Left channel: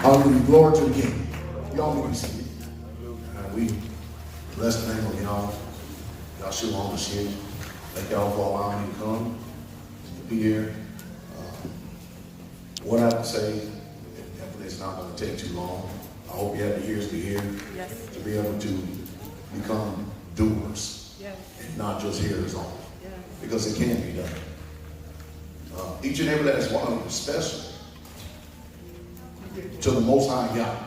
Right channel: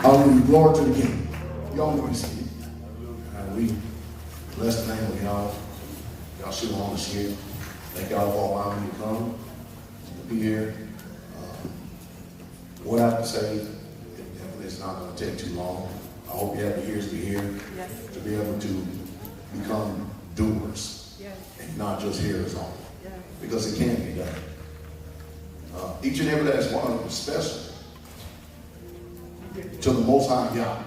Hallelujah. Glory to the King. Y'all know what he's saying. We bless the name of y'all. Y'all should want to share. Thank y'all for allowing me to come to be here. What I have to say, it's not going to take too long. I hope you have the ears to hear, to be able to become doers, and not just hearers only, because it can be done. Each and every last one of them is special to the Most High God.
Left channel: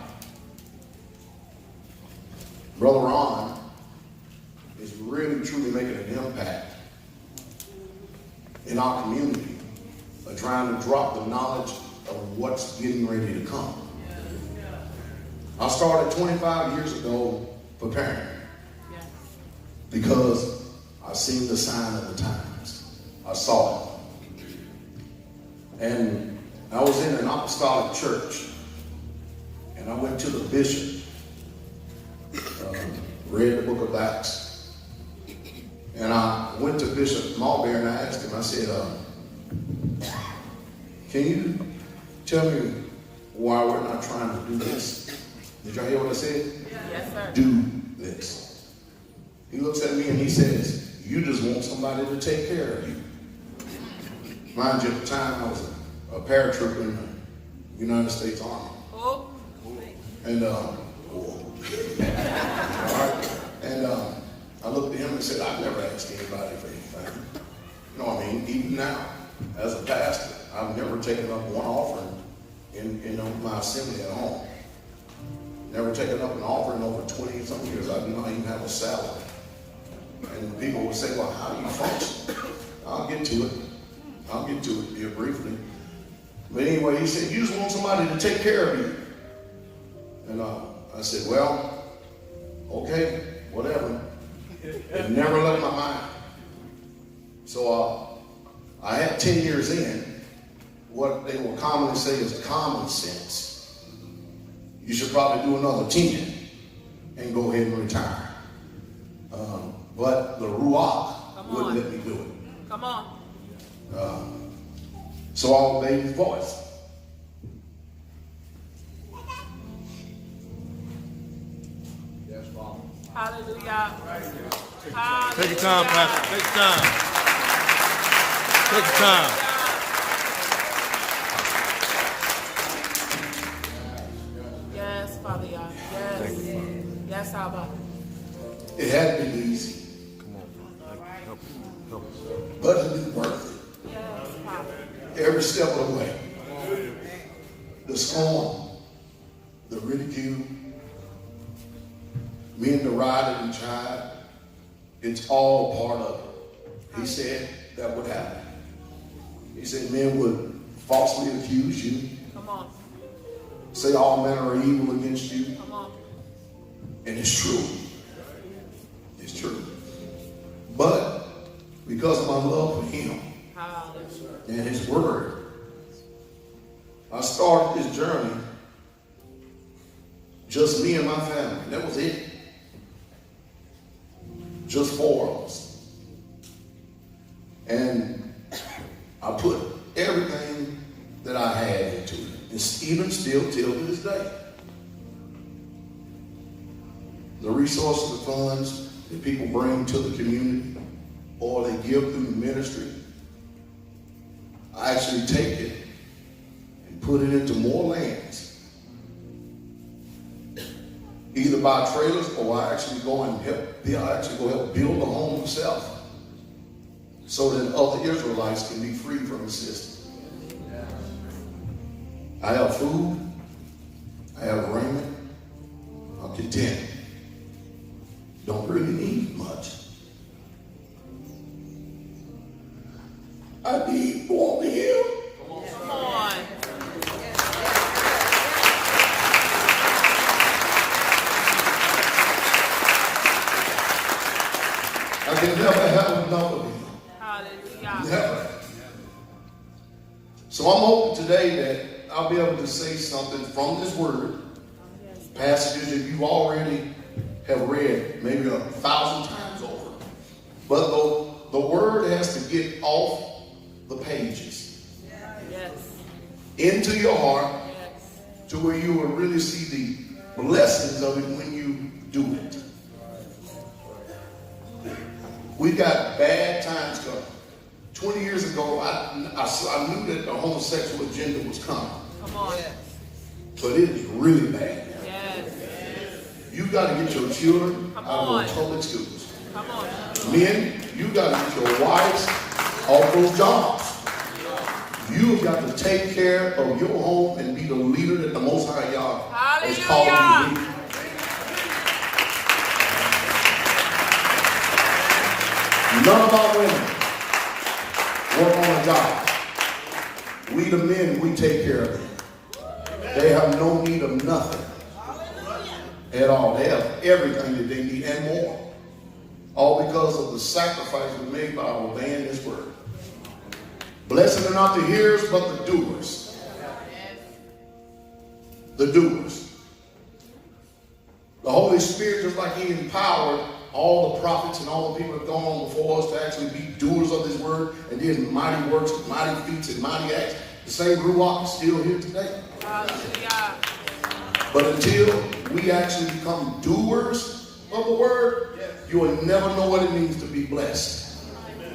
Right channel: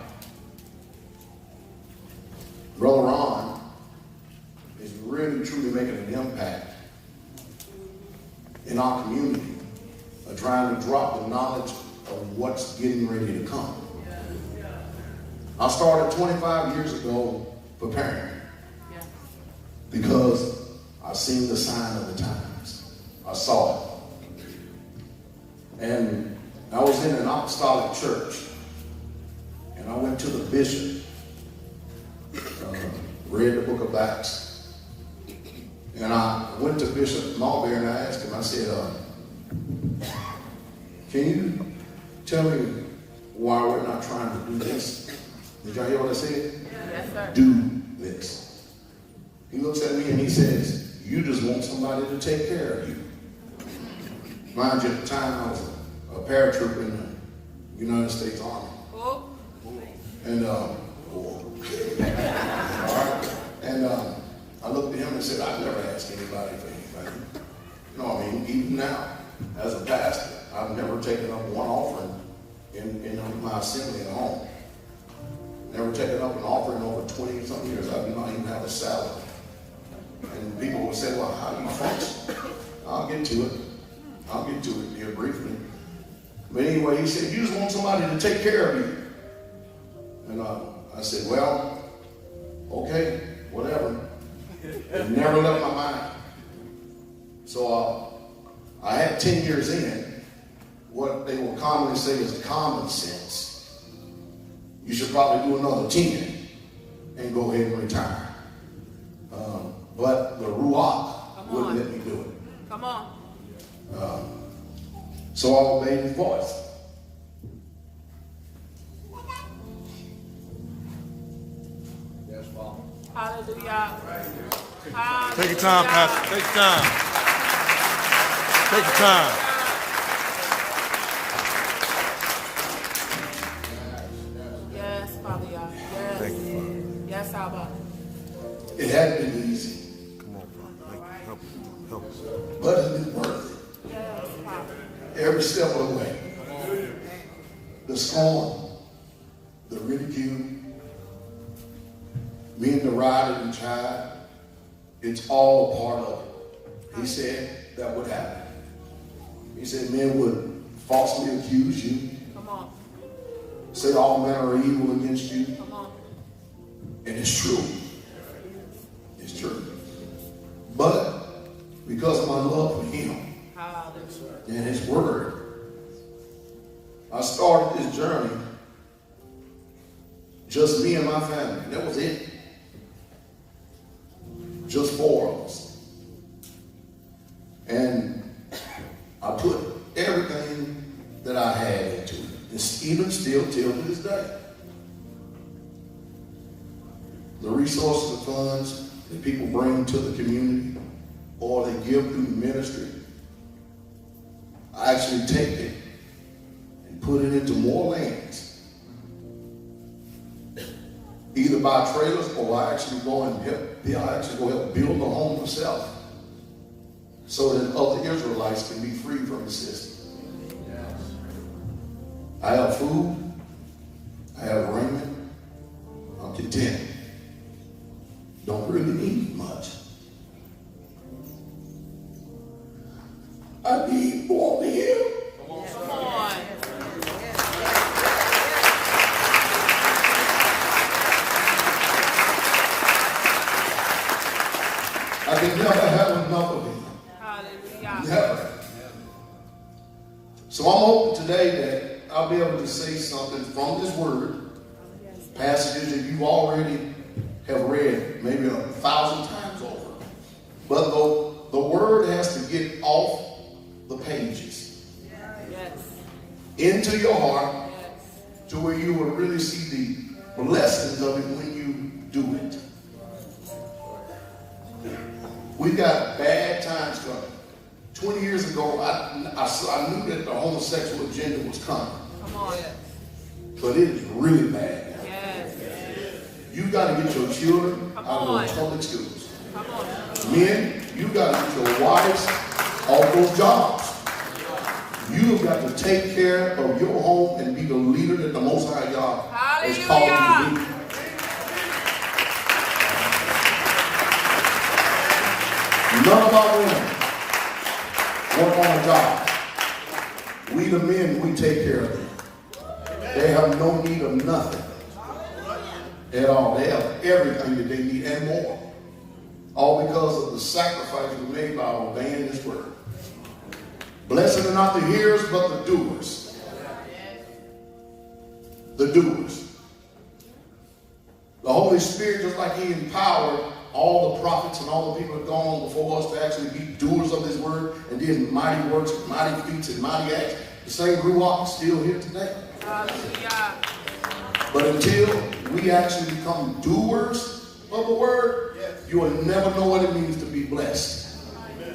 Brother Ron is really truly making an impact in our community, trying to drop the knowledge of what's getting ready to come. I started 25 years ago preparing because I seen the sign of the times. I saw it. And I was in an apostolic church, and I went to the bishop, read the book of Acts, and I went to Bishop Marbury and I asked him, I said, can you tell me why we're not trying to do this? Did y'all hear what I said? Yes, sir. Do this. He looks at me and he says, you just want somebody to take care of you. Mind you, at the time I was a paratrooper in the United States Army. Oh. And I looked at him and said, I've never asked anybody for anything. No, I mean, even now, as a pastor, I've never taken up one offering in my assembly at home. Never taken up an offering over 20-something years. I do not even have a salary. And people will say, well, how do you function? I'll get to it here briefly. But anyway, he said, you just want somebody to take care of you. And I said, well, okay, whatever. It never left my mind. So I had 10 years in what they will commonly say is common sense. You should probably do another 10 and go ahead and retire. But the Ruach wouldn't let me do it. Come on. So I obeyed his voice. Yes, Father. Hallelujah. Take your time, Pastor. Take your time. Take your time. Yes, Father God. Yes. Yes, Abba. It hadn't been easy. Come on, Father. Help us. But it was worth it. Yes, Father. Every step of the way. The scorn, the ridicule, being derided and tried, it's all part of it. He said that would happen. He said men would falsely accuse you. Come on. Say all men are evil against you. Come on. And it's true. It's true. But because of my love for him and his word, I started this journey, just me and my family. That was it. Just 4 of us. And I put everything that I had into it. It's even still till to this day. The resources, the funds that people bring to the community or they give through the ministry, I actually take it and put it into more lands. Either buy trailers or I actually go and help build a home myself so that other Israelites can be free from the system. I have food, I have raiment, I'm content. Don't really need much. I need more of him. Come on. I can never have enough of him. Hallelujah. Never. So I'm hoping today that I'll be able to say something from this word, passages that you already have read maybe 1,000 times over. But the word has to get off the pages, Yes. into your heart, Yes. to where you will really see the blessings of it when you do it. We got bad times coming. 20 years ago, I knew that the homosexual agenda was coming. Come on. But it is really bad now. Yes. You got to get your children Come out on. of those public schools. Come on. Men, you got to get your wives off those jobs. You have got to take care of your home and be the leader that the Most High God has called you to be. None of our women work on a job. We the men, we take care of them. They have no need of nothing at all. They have everything that they need and more. All because of the sacrifice we made by obeying His word. Blessed are not the hearers, but the doers. The doers. The Holy Spirit, just like He empowered all the prophets and all the people that have gone on before us to actually be doers of His word and did mighty works, mighty feats, and mighty acts. The same Ruach is still here today. Hallelujah. But until we actually become doers of the word, you will never know what it means to be blessed.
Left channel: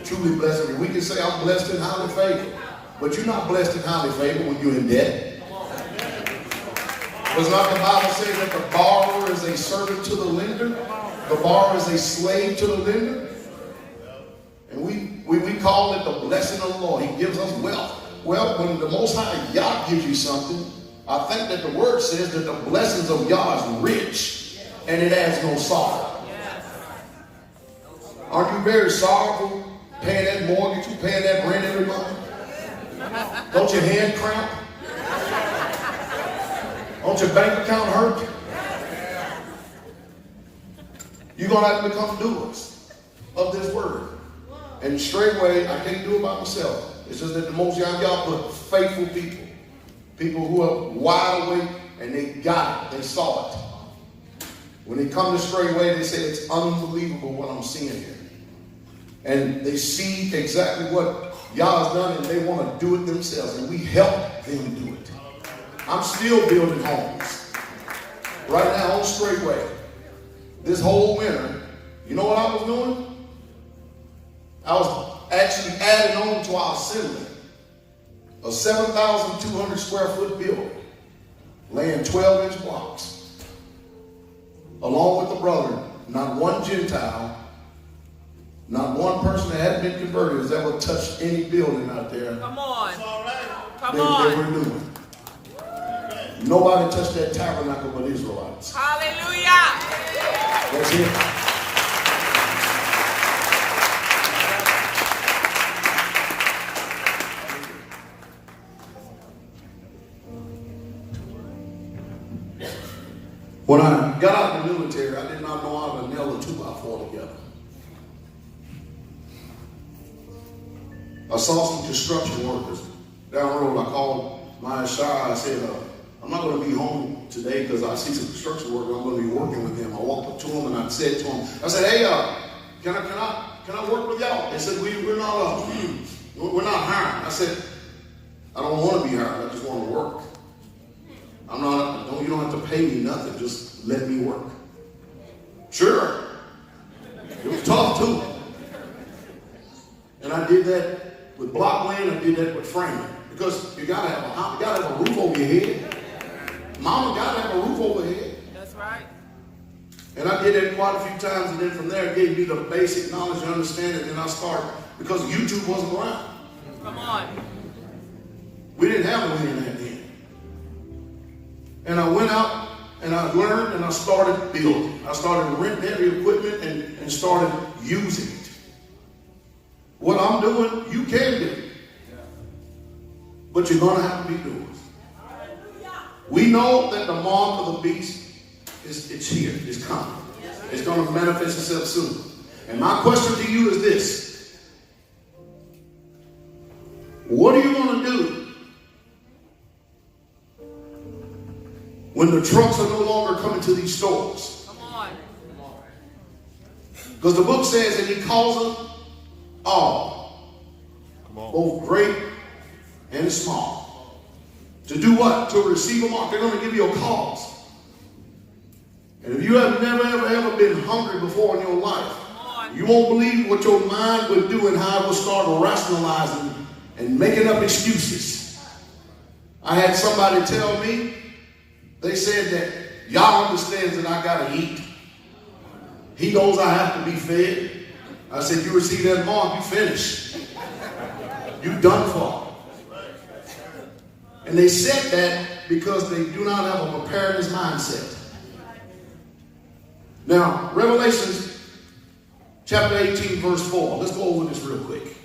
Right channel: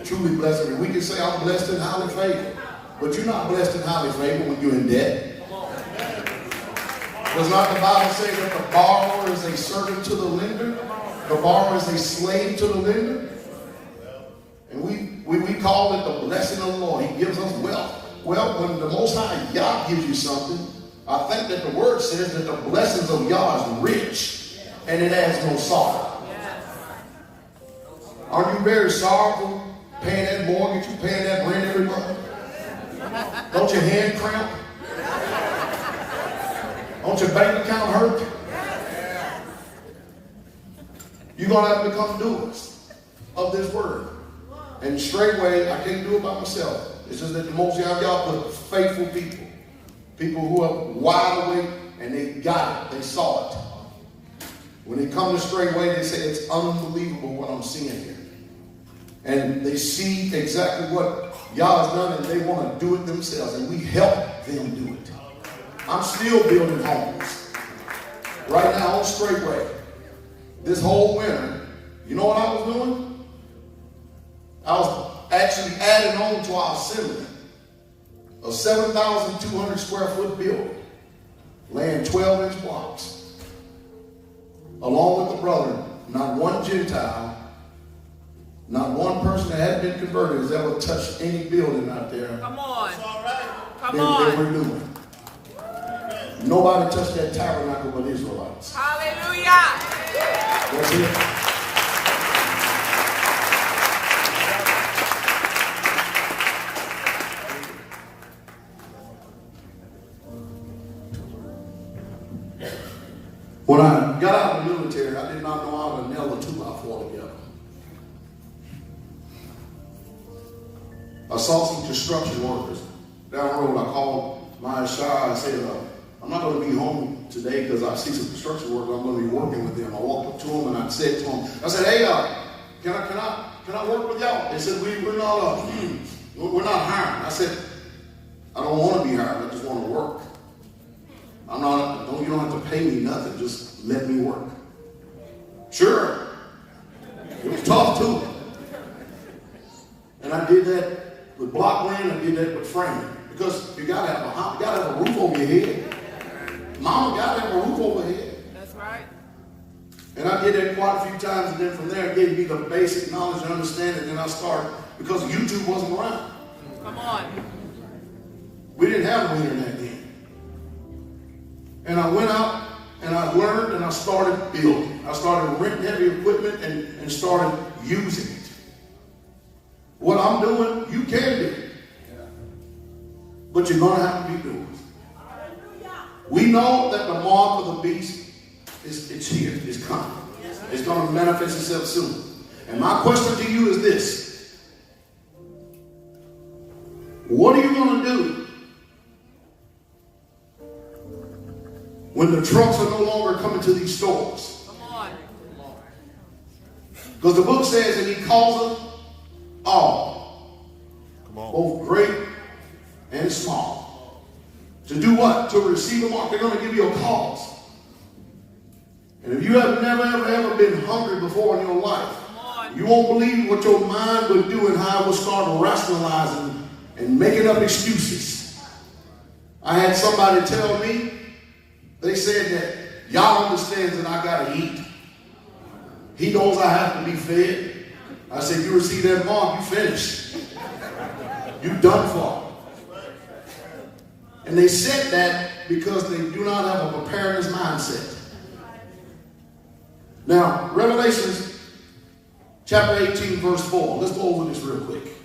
Truly blessed. We can say I'm blessed and highly favored, but you're not blessed and highly favored when you're in debt. Does not the Bible say that the borrower is a servant to the lender? The borrower is a slave to the lender? And we call it the blessing of the Lord. He gives us wealth. Well, when the Most High Yah gives you something, I think that the word says that the blessings of Yah is rich and it adds no sorrow. Aren't you very sorrowful paying that mortgage, you paying that rent every month? Don't your hand cramp? Don't your bank account hurt? You're going to have to become doers of this word. And straightway, I can't do it by myself. It's just that the Most High Yah put faithful people. People who are wide awake and they got it. They saw it. When they come to straightway, they say it's unbelievable what I'm seeing here. And they see exactly what Yah has done and they want to do it themselves. And we help them do it. I'm still building homes. Right now on straightway. This whole winter, you know what I was doing? I was actually adding on to our assembly a 7,200 square foot building, laying 12-inch blocks. Along with the brother, not one Gentile, not one person that hadn't been converted has ever touched any building out there. Come on. Come that on. we're doing. Nobody touched that tabernacle but Israelites. Hallelujah. That's it. When I got out of the military, I did not know how to nail a 2x4 together. I saw some construction workers down the road. I called my Shah. I said, I'm not going to be home today because I see some construction workers. I'm going to be working with them. I walked up to them and I said to them, I said, hey, can I work with y'all? They said, we're not hiring. I said, I don't want to be hired. I just want to work. You don't have to pay me nothing. Just let me work. Sure. It was tough too. And I did that with block laying. I did that with framing. Because you gotta have a roof over your head. Mama gotta have a roof over her head. That's right. And I did that quite a few times, and then from there it gave me the basic knowledge and understanding, and I started, because YouTube wasn't around. Come on. We didn't have no internet then. And I went out and I learned and I started building. I started renting heavy equipment and started using it. What I'm doing, you can do. But you're going to have to be doers. We know that the mark of the beast it's here. It's coming. It's going to manifest itself soon. And my question to you is this. What are you going to do when the trucks are no longer coming to these stores? Come on. Because the book says that he calls them all. Both great and small. To do what? To receive a mark. They're going to give you a cause. And if you have never, ever been hungry before in your life, you won't believe what your mind would do and how it will start rationalizing and making up excuses. I had somebody tell me, they said that y'all understands that I got to eat. He goes, I have to be fed. I said, you receive that mark, you finished. You done for. And they said that because they do not have a preparedness mindset. Now, Revelations chapter 18, verse 4. Let's go over this real quick.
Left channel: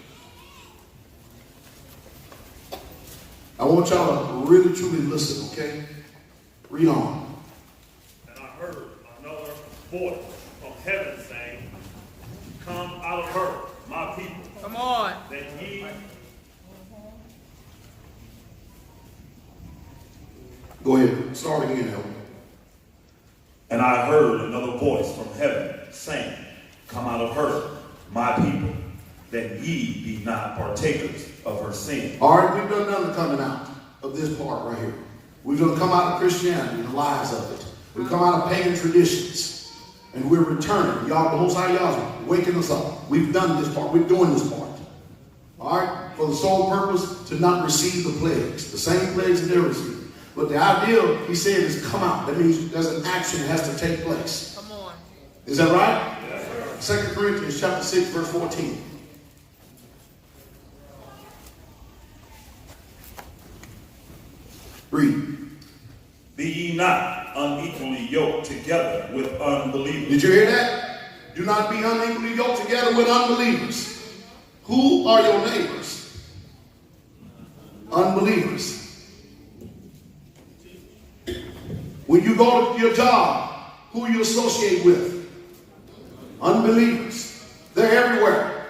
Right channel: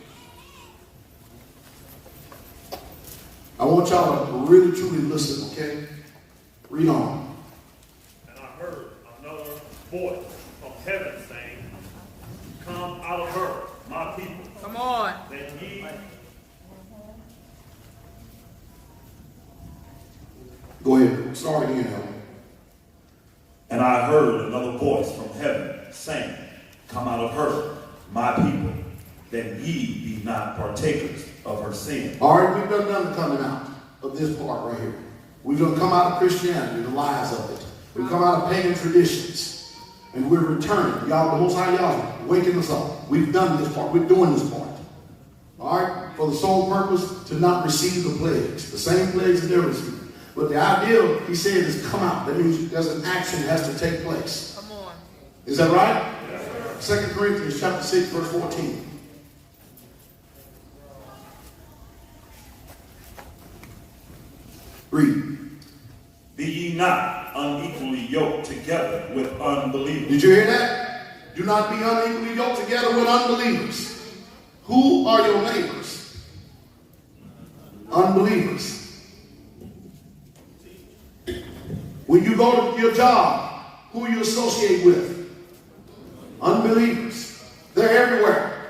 I want y'all to really, truly listen, okay? Read on. And I heard another voice from heaven saying, come out of her, my people. Come on. That ye... Go ahead. Start again, Elmer. And I heard another voice from heaven saying, come out of her, my people, that ye be not partakers of her sin. All right, we've done none of coming out of this part right here. We're going to come out of Christianity, the lies of it. We've come out of pagan traditions. And we're returning. Y'all, the Most High y'all waking us up. We've done this part. We're doing this part. All right? For the sole purpose to not receive the plagues. The same plagues that they're receiving. But the idea, he said, is come out. That means there's an action that has to take place. Come on. Is that right? Yes, 2 Corinthians chapter 6, verse 14. Read. Be ye not unequally yoked together with unbelievers. Did you hear that? Do not be unequally yoked together with unbelievers. Who are your neighbors? Unbelievers. When you go to your job, who you associate with? Unbelievers. They're everywhere.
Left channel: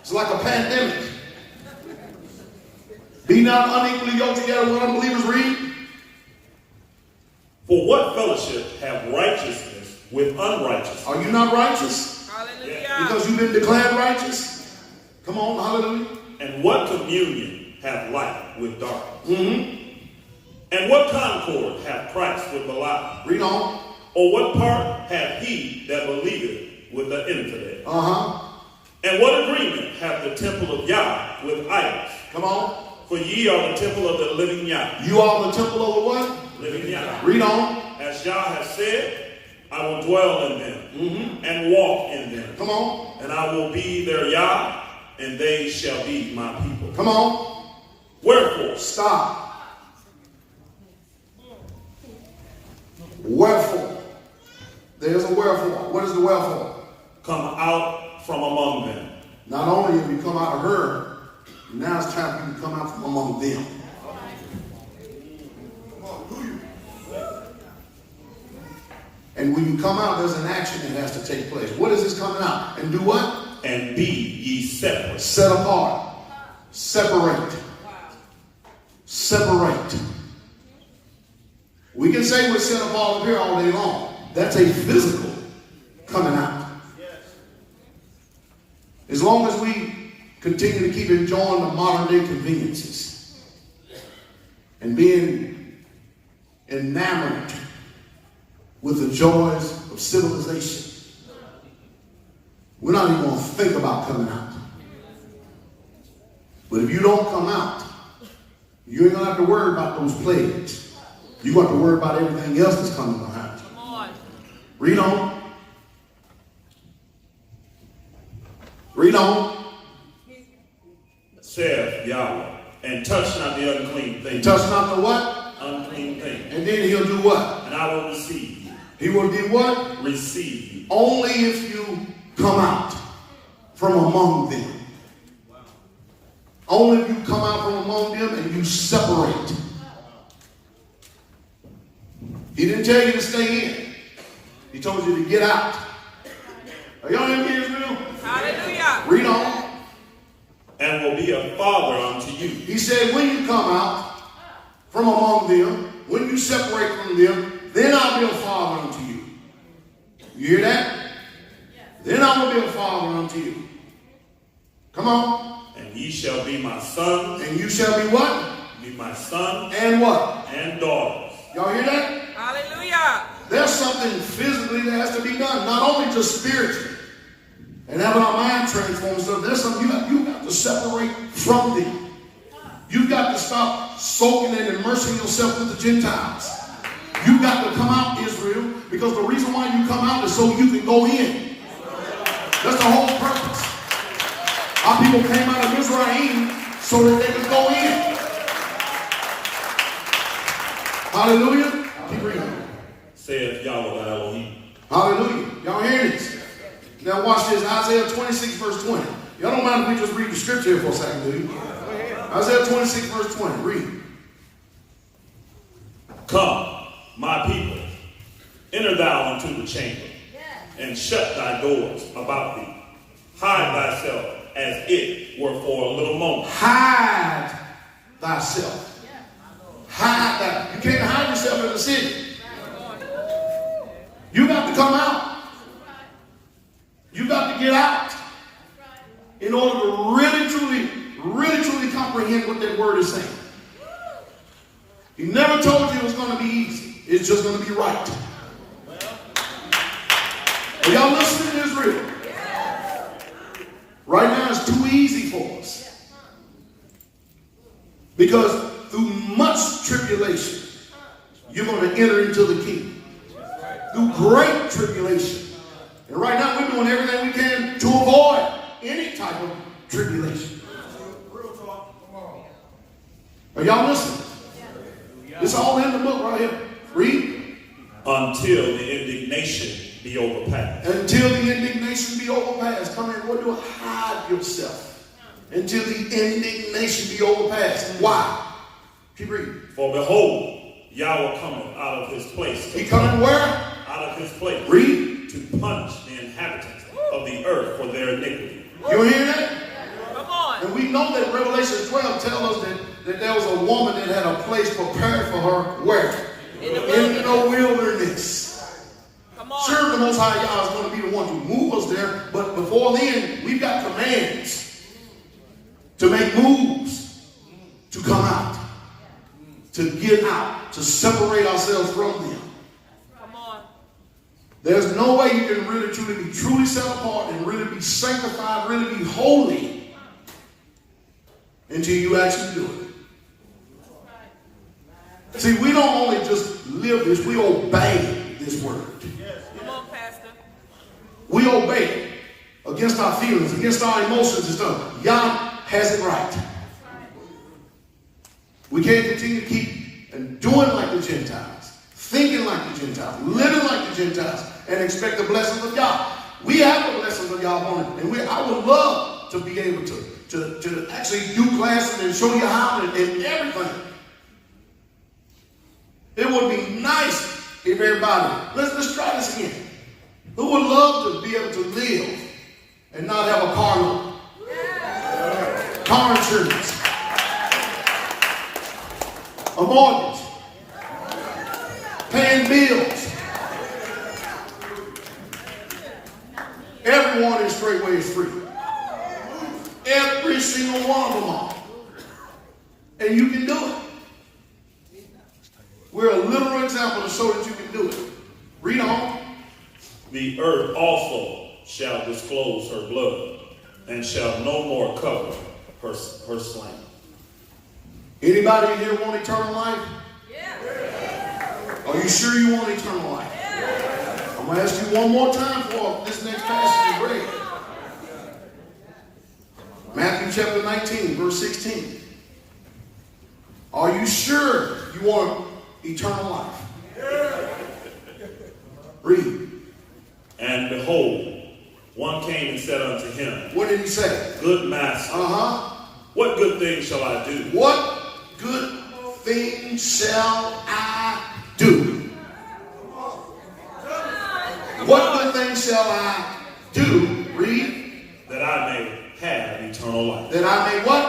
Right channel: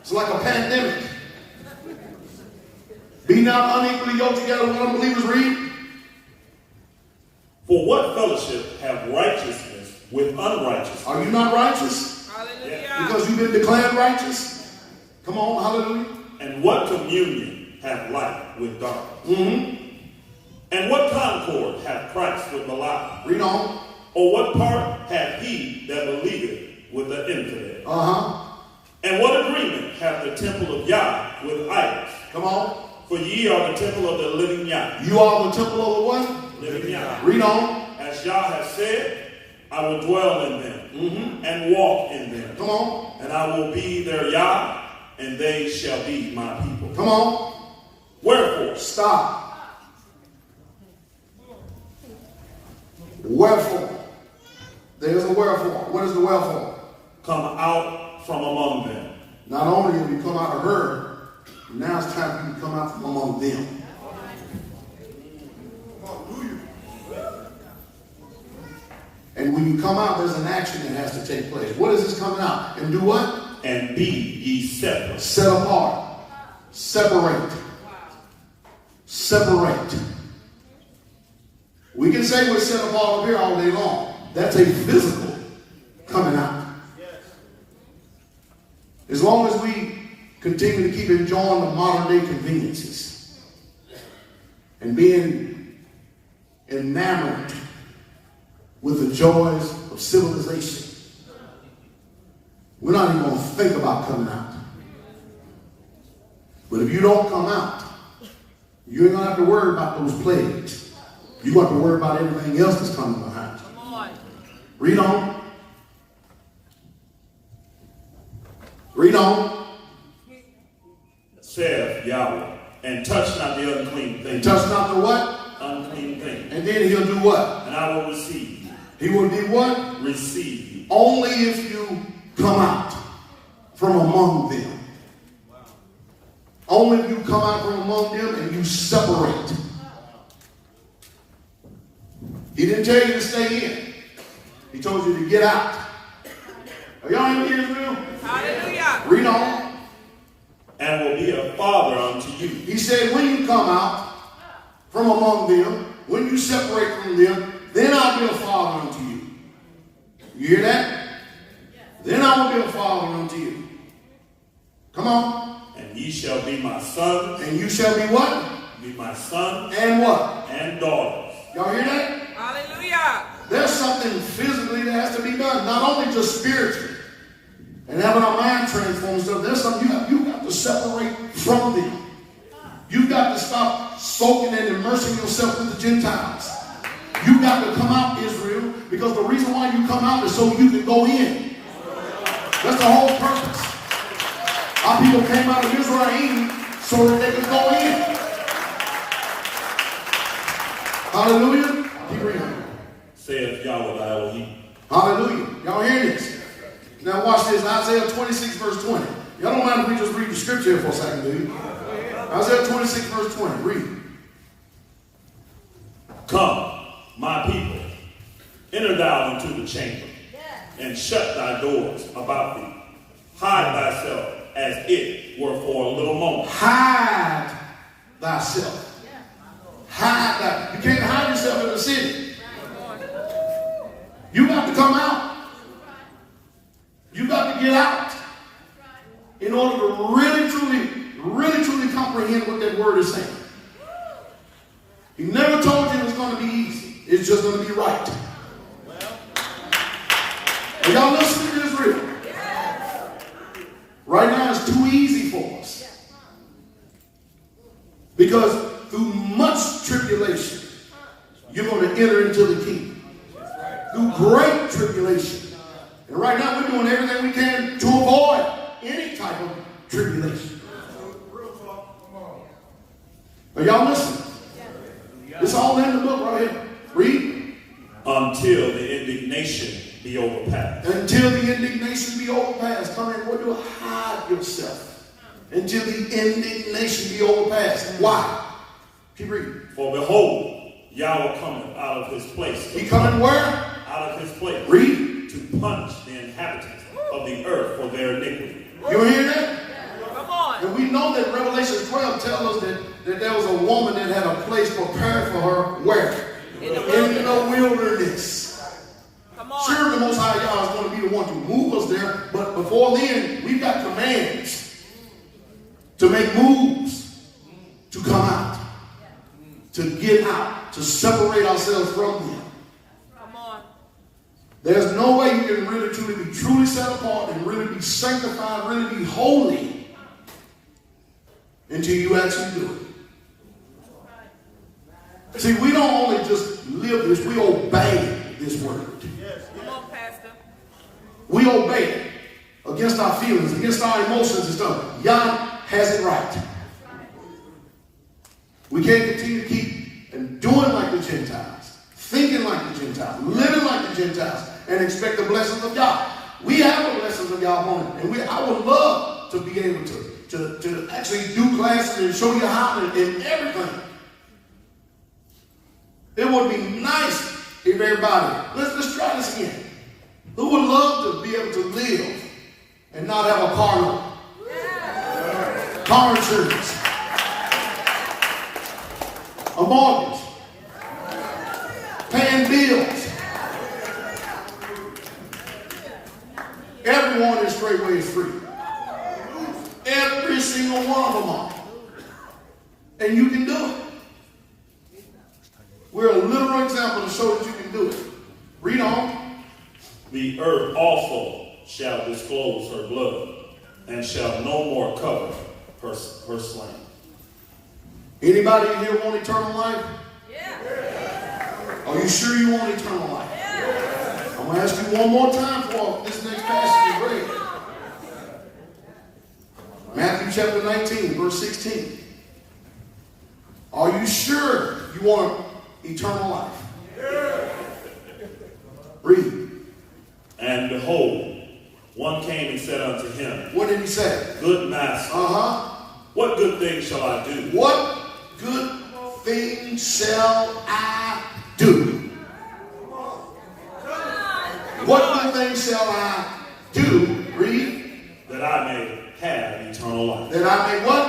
It's like a pandemic. Be not unequally yoked together with unbelievers. Read. For what fellowship have righteousness with unrighteousness? Are you not righteous? Hallelujah. Because you've been declared righteous? Come on, hallelujah. And what communion have light with darkness? Mm-hmm. And what concord hath Christ with Belial? Read on. Or what part hath he that believeth with the infidel? Uh-huh. And what agreement hath the temple of Yah with idols? Come on. For ye are the temple of the living Yah. You are the temple of the what? Living Yah. Read on. As Yah has said, I will dwell in them and walk in them. Come on. And I will be their Yah, and they shall be my people. Come on. Wherefore, Stop. Wherefore. There's a wherefore. What is the wherefore? come out from among them. Not only have you come out of her, now it's time for you to come out from among them. And when you come out, there's an action that has to take place. What is this coming out? And do what? And be ye separate. Set apart. Separate. Separate. We can say we're set apart up here all day long. That's a physical coming out. As long as we continue to keep enjoying the modern day conveniences and being enamored with the joys of civilization, we're not even going to think about coming out. But if you don't come out, you ain't going to have to worry about those plagues. You're going to have to worry about everything else that's coming behind you. Come on. Read on. Read on. Saith Yahweh, and touch not the unclean thing. And touch not the what? Unclean thing. And then he'll do what? And I will receive you. He will do what? Receive you. Only if you come out from among them. Only if you come out from among them and you separate. He didn't tell you to stay in. He told you to get out. Are y'all in Israel? Hallelujah. Read on. And will be a father unto you. He said, when you come out from among them, when you separate from them, then I'll be a father unto you. You hear that? Then I will be a father unto you. Come on. And ye shall be my sons And you shall be what? be my sons and what? and daughters. Y'all hear that? Hallelujah. There's something physically that has to be done, not only just spiritually. And having our mind transformed stuff, there's something you got to separate from them. You've got to stop soaking and immersing yourself with the Gentiles. You've got to come out, Israel, because the reason why you come out is so you can go in. That's the whole purpose. Our people came out of Israel so that they could go in. Hallelujah. Keep reading. Saith Yahweh Elohim. Hallelujah. Y'all hear this? Now watch this. Isaiah 26 verse 20. Y'all don't mind if we just read the scripture here for a second, do you? Isaiah 26 verse 20. Read. Come, my people, enter thou into the chamber, and shut thy doors about thee. Hide thyself as it were for a little moment. Hide thyself. Hide that. You can't hide yourself in the city. You got to come out. You got to get out in order to really, truly comprehend what that word is saying. He never told you it was going to be easy. It's just going to be right. Are y'all listening to Israel? Right now it's too easy for us. Because through much tribulation, you're going to enter into the kingdom. Through great tribulation. And right now we're doing everything we can to avoid any type of tribulation. Are y'all listening? It's all in the book right here. Read. Until the indignation be overpassed. Until the indignation be overpassed. Come in, what do? Hide yourself. Until the indignation be overpassed. Why? Keep reading. For behold, Yahweh cometh out of his place. He coming where? Out of his place. Read. To punish the inhabitants of the earth for their iniquity. You hear that? Come on. And we know that Revelation 12 tells us that there was a woman that had a place prepared for her where? In the wilderness. Come on. Sure, the Most High God is going to be the one to move us there, but before then, we've got commands to make moves, to come out, to get out, to separate ourselves from them. Come on. There's no way you can really be truly set apart and really be sanctified, really be holy until you actually do it. See, we don't only just live this, we obey this word. Come on, Pastor. We obey it against our feelings, against our emotions and stuff. God has it right. We can't continue to keep and doing like the Gentiles, thinking like the Gentiles, living like the Gentiles, and expect the blessings of God. We have the blessings of God on it, and I would love to be able to actually do classes and show you how and everything. It would be nice if everybody, let's try this again. Who would love to be able to live and not have a car note? Car insurance. A mortgage. Paying bills. Everyone in Straightway is free. Every single one of them are. And you can do it. We're a literal example to show that you can do it. Read on. The earth also shall disclose her blood, and shall no more cover her slain. Anybody here want eternal life? Yeah. Are you sure you want eternal life? Yeah. I'm going to ask you one more time for this next passage is read. Matthew chapter 19, verse 16. Are you sure you want eternal life? Yeah. Read. And behold, one came and said unto him, what did he say? Good master, what good thing shall I do? What good thing shall I do? What good thing shall I do? Read. That I may have eternal life. That I may what?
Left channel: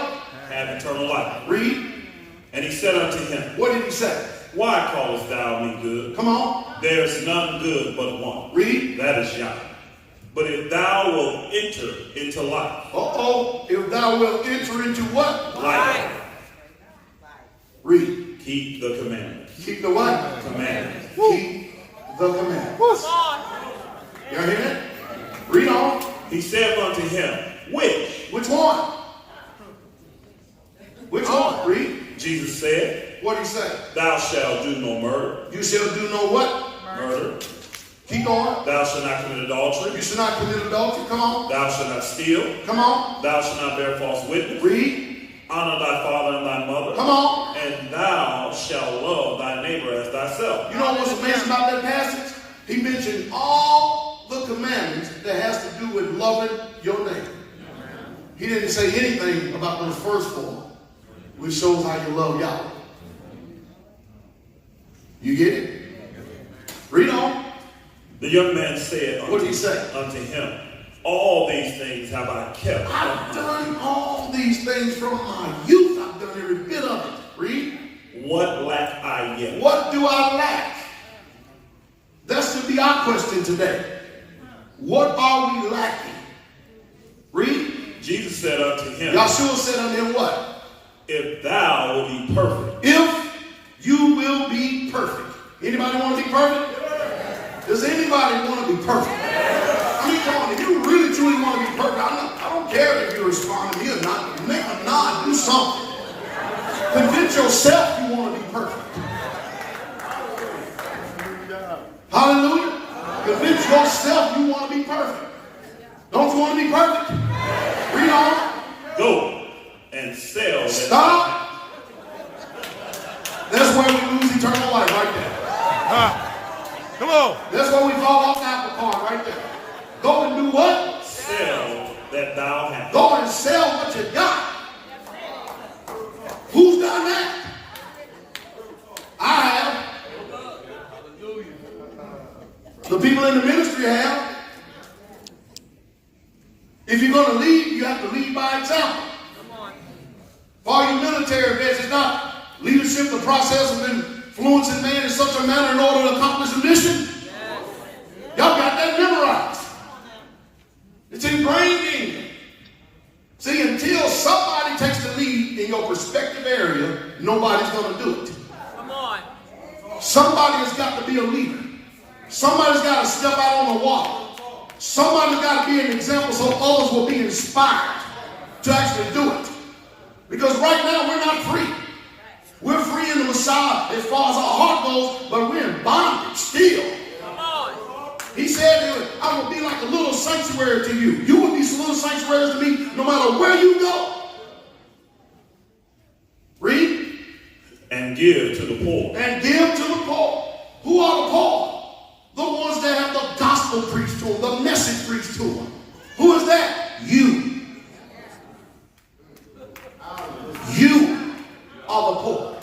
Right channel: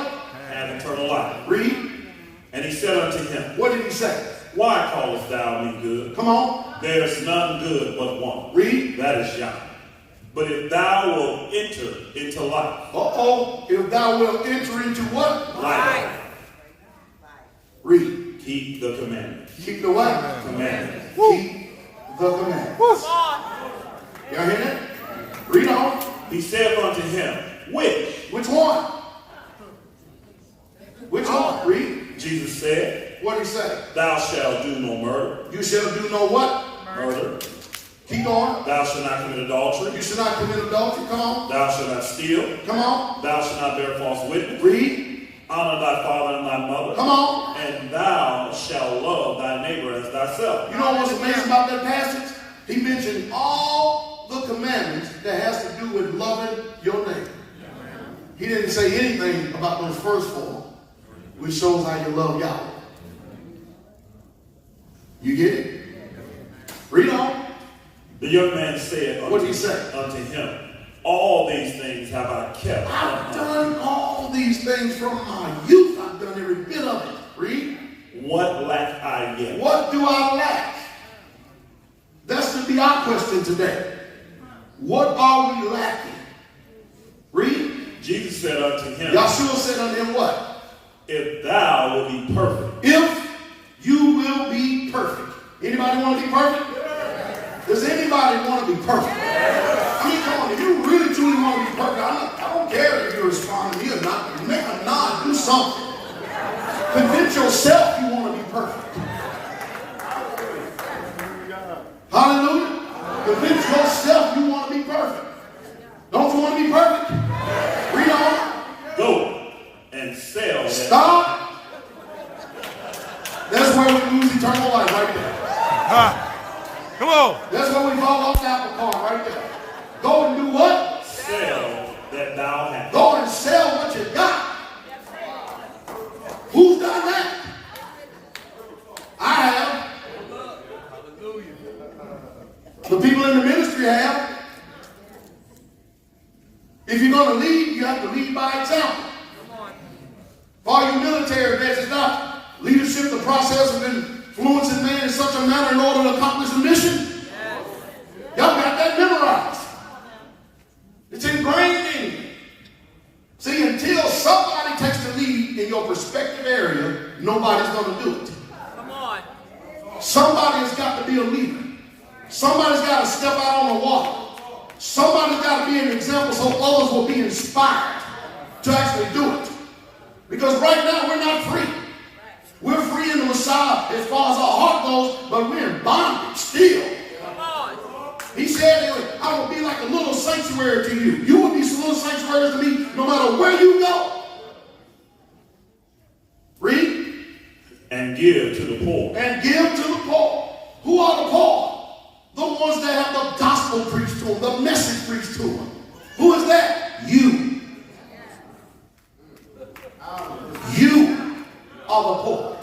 Have eternal life. Read. And he said unto him, what did he say? Why callest thou me good? Come on. There's none good but one. Read. That is Yahweh. But if thou wilt enter into life. If thou wilt enter into what? Life. keep the commandments. Keep the what? Commandments. Keep the commandments. Come on. You hear it? Read on. He said unto him, which? Which one? Which one? Read. Jesus said, What did he say? thou shalt do no murder. You shall do no what? Murder. Keep on. Thou shalt not commit adultery. You shall not commit adultery. Come on. Thou shalt not steal. Come on. Thou shalt not bear false witness. Read. Honor thy father and thy mother. Come on. And thou shalt love thy neighbor as thyself. You know what's amazing about that passage? He mentioned all the commandments that has to do with loving your neighbor. He didn't say anything about those first four, which shows how you love Yahweh. You get it? Read on. The young man said What did he say? unto him, all these things have I kept. I've done all these things from my youth. I've done every bit of it. Read. What lack I yet? What do I lack? That's to be our question today. What are we lacking? Read. Jesus said unto him, Yahshua said unto him what? if thou will be perfect. If you will be perfect. Anybody want to be perfect? Does anybody want to be perfect? I mean, come on, if you really truly want to be perfect, I don't care if you respond to me or not. Make a nod, do something. Convince yourself you want to be perfect. Hallelujah. Convince yourself you want to be perfect. Don't you want to be perfect? Read on. Go and sell that. Stop. That's where we lose eternal life right there. Come on. That's where we fall off the apple cart right there. Go and do what? Sell that thou hast. Go and sell what you got. Who's done that? I have. The people in the ministry have. If you're going to lead, you have to lead by example. For all you military vets, it's not leadership, the process of influencing man in such a manner in order to accomplish the mission. Y'all got that memorized. It's ingrained in you. See, until somebody takes the lead in your respective area, nobody's going to do it. Come on. Somebody has got to be a leader. Somebody's got to step out on the water. Somebody's got to be an example so others will be inspired to actually do it. Because right now we're not free. We're free in the Messiah as far as our heart goes, but we're in bondage still. Come on. He said, I will be like a little sanctuary to you. You will be some little sanctuaries to me no matter where you go. Read. And give to the poor. And give to the poor. Who are the poor? The ones that have the gospel preached to them, the message preached to them. Who is that? You. You are the poor.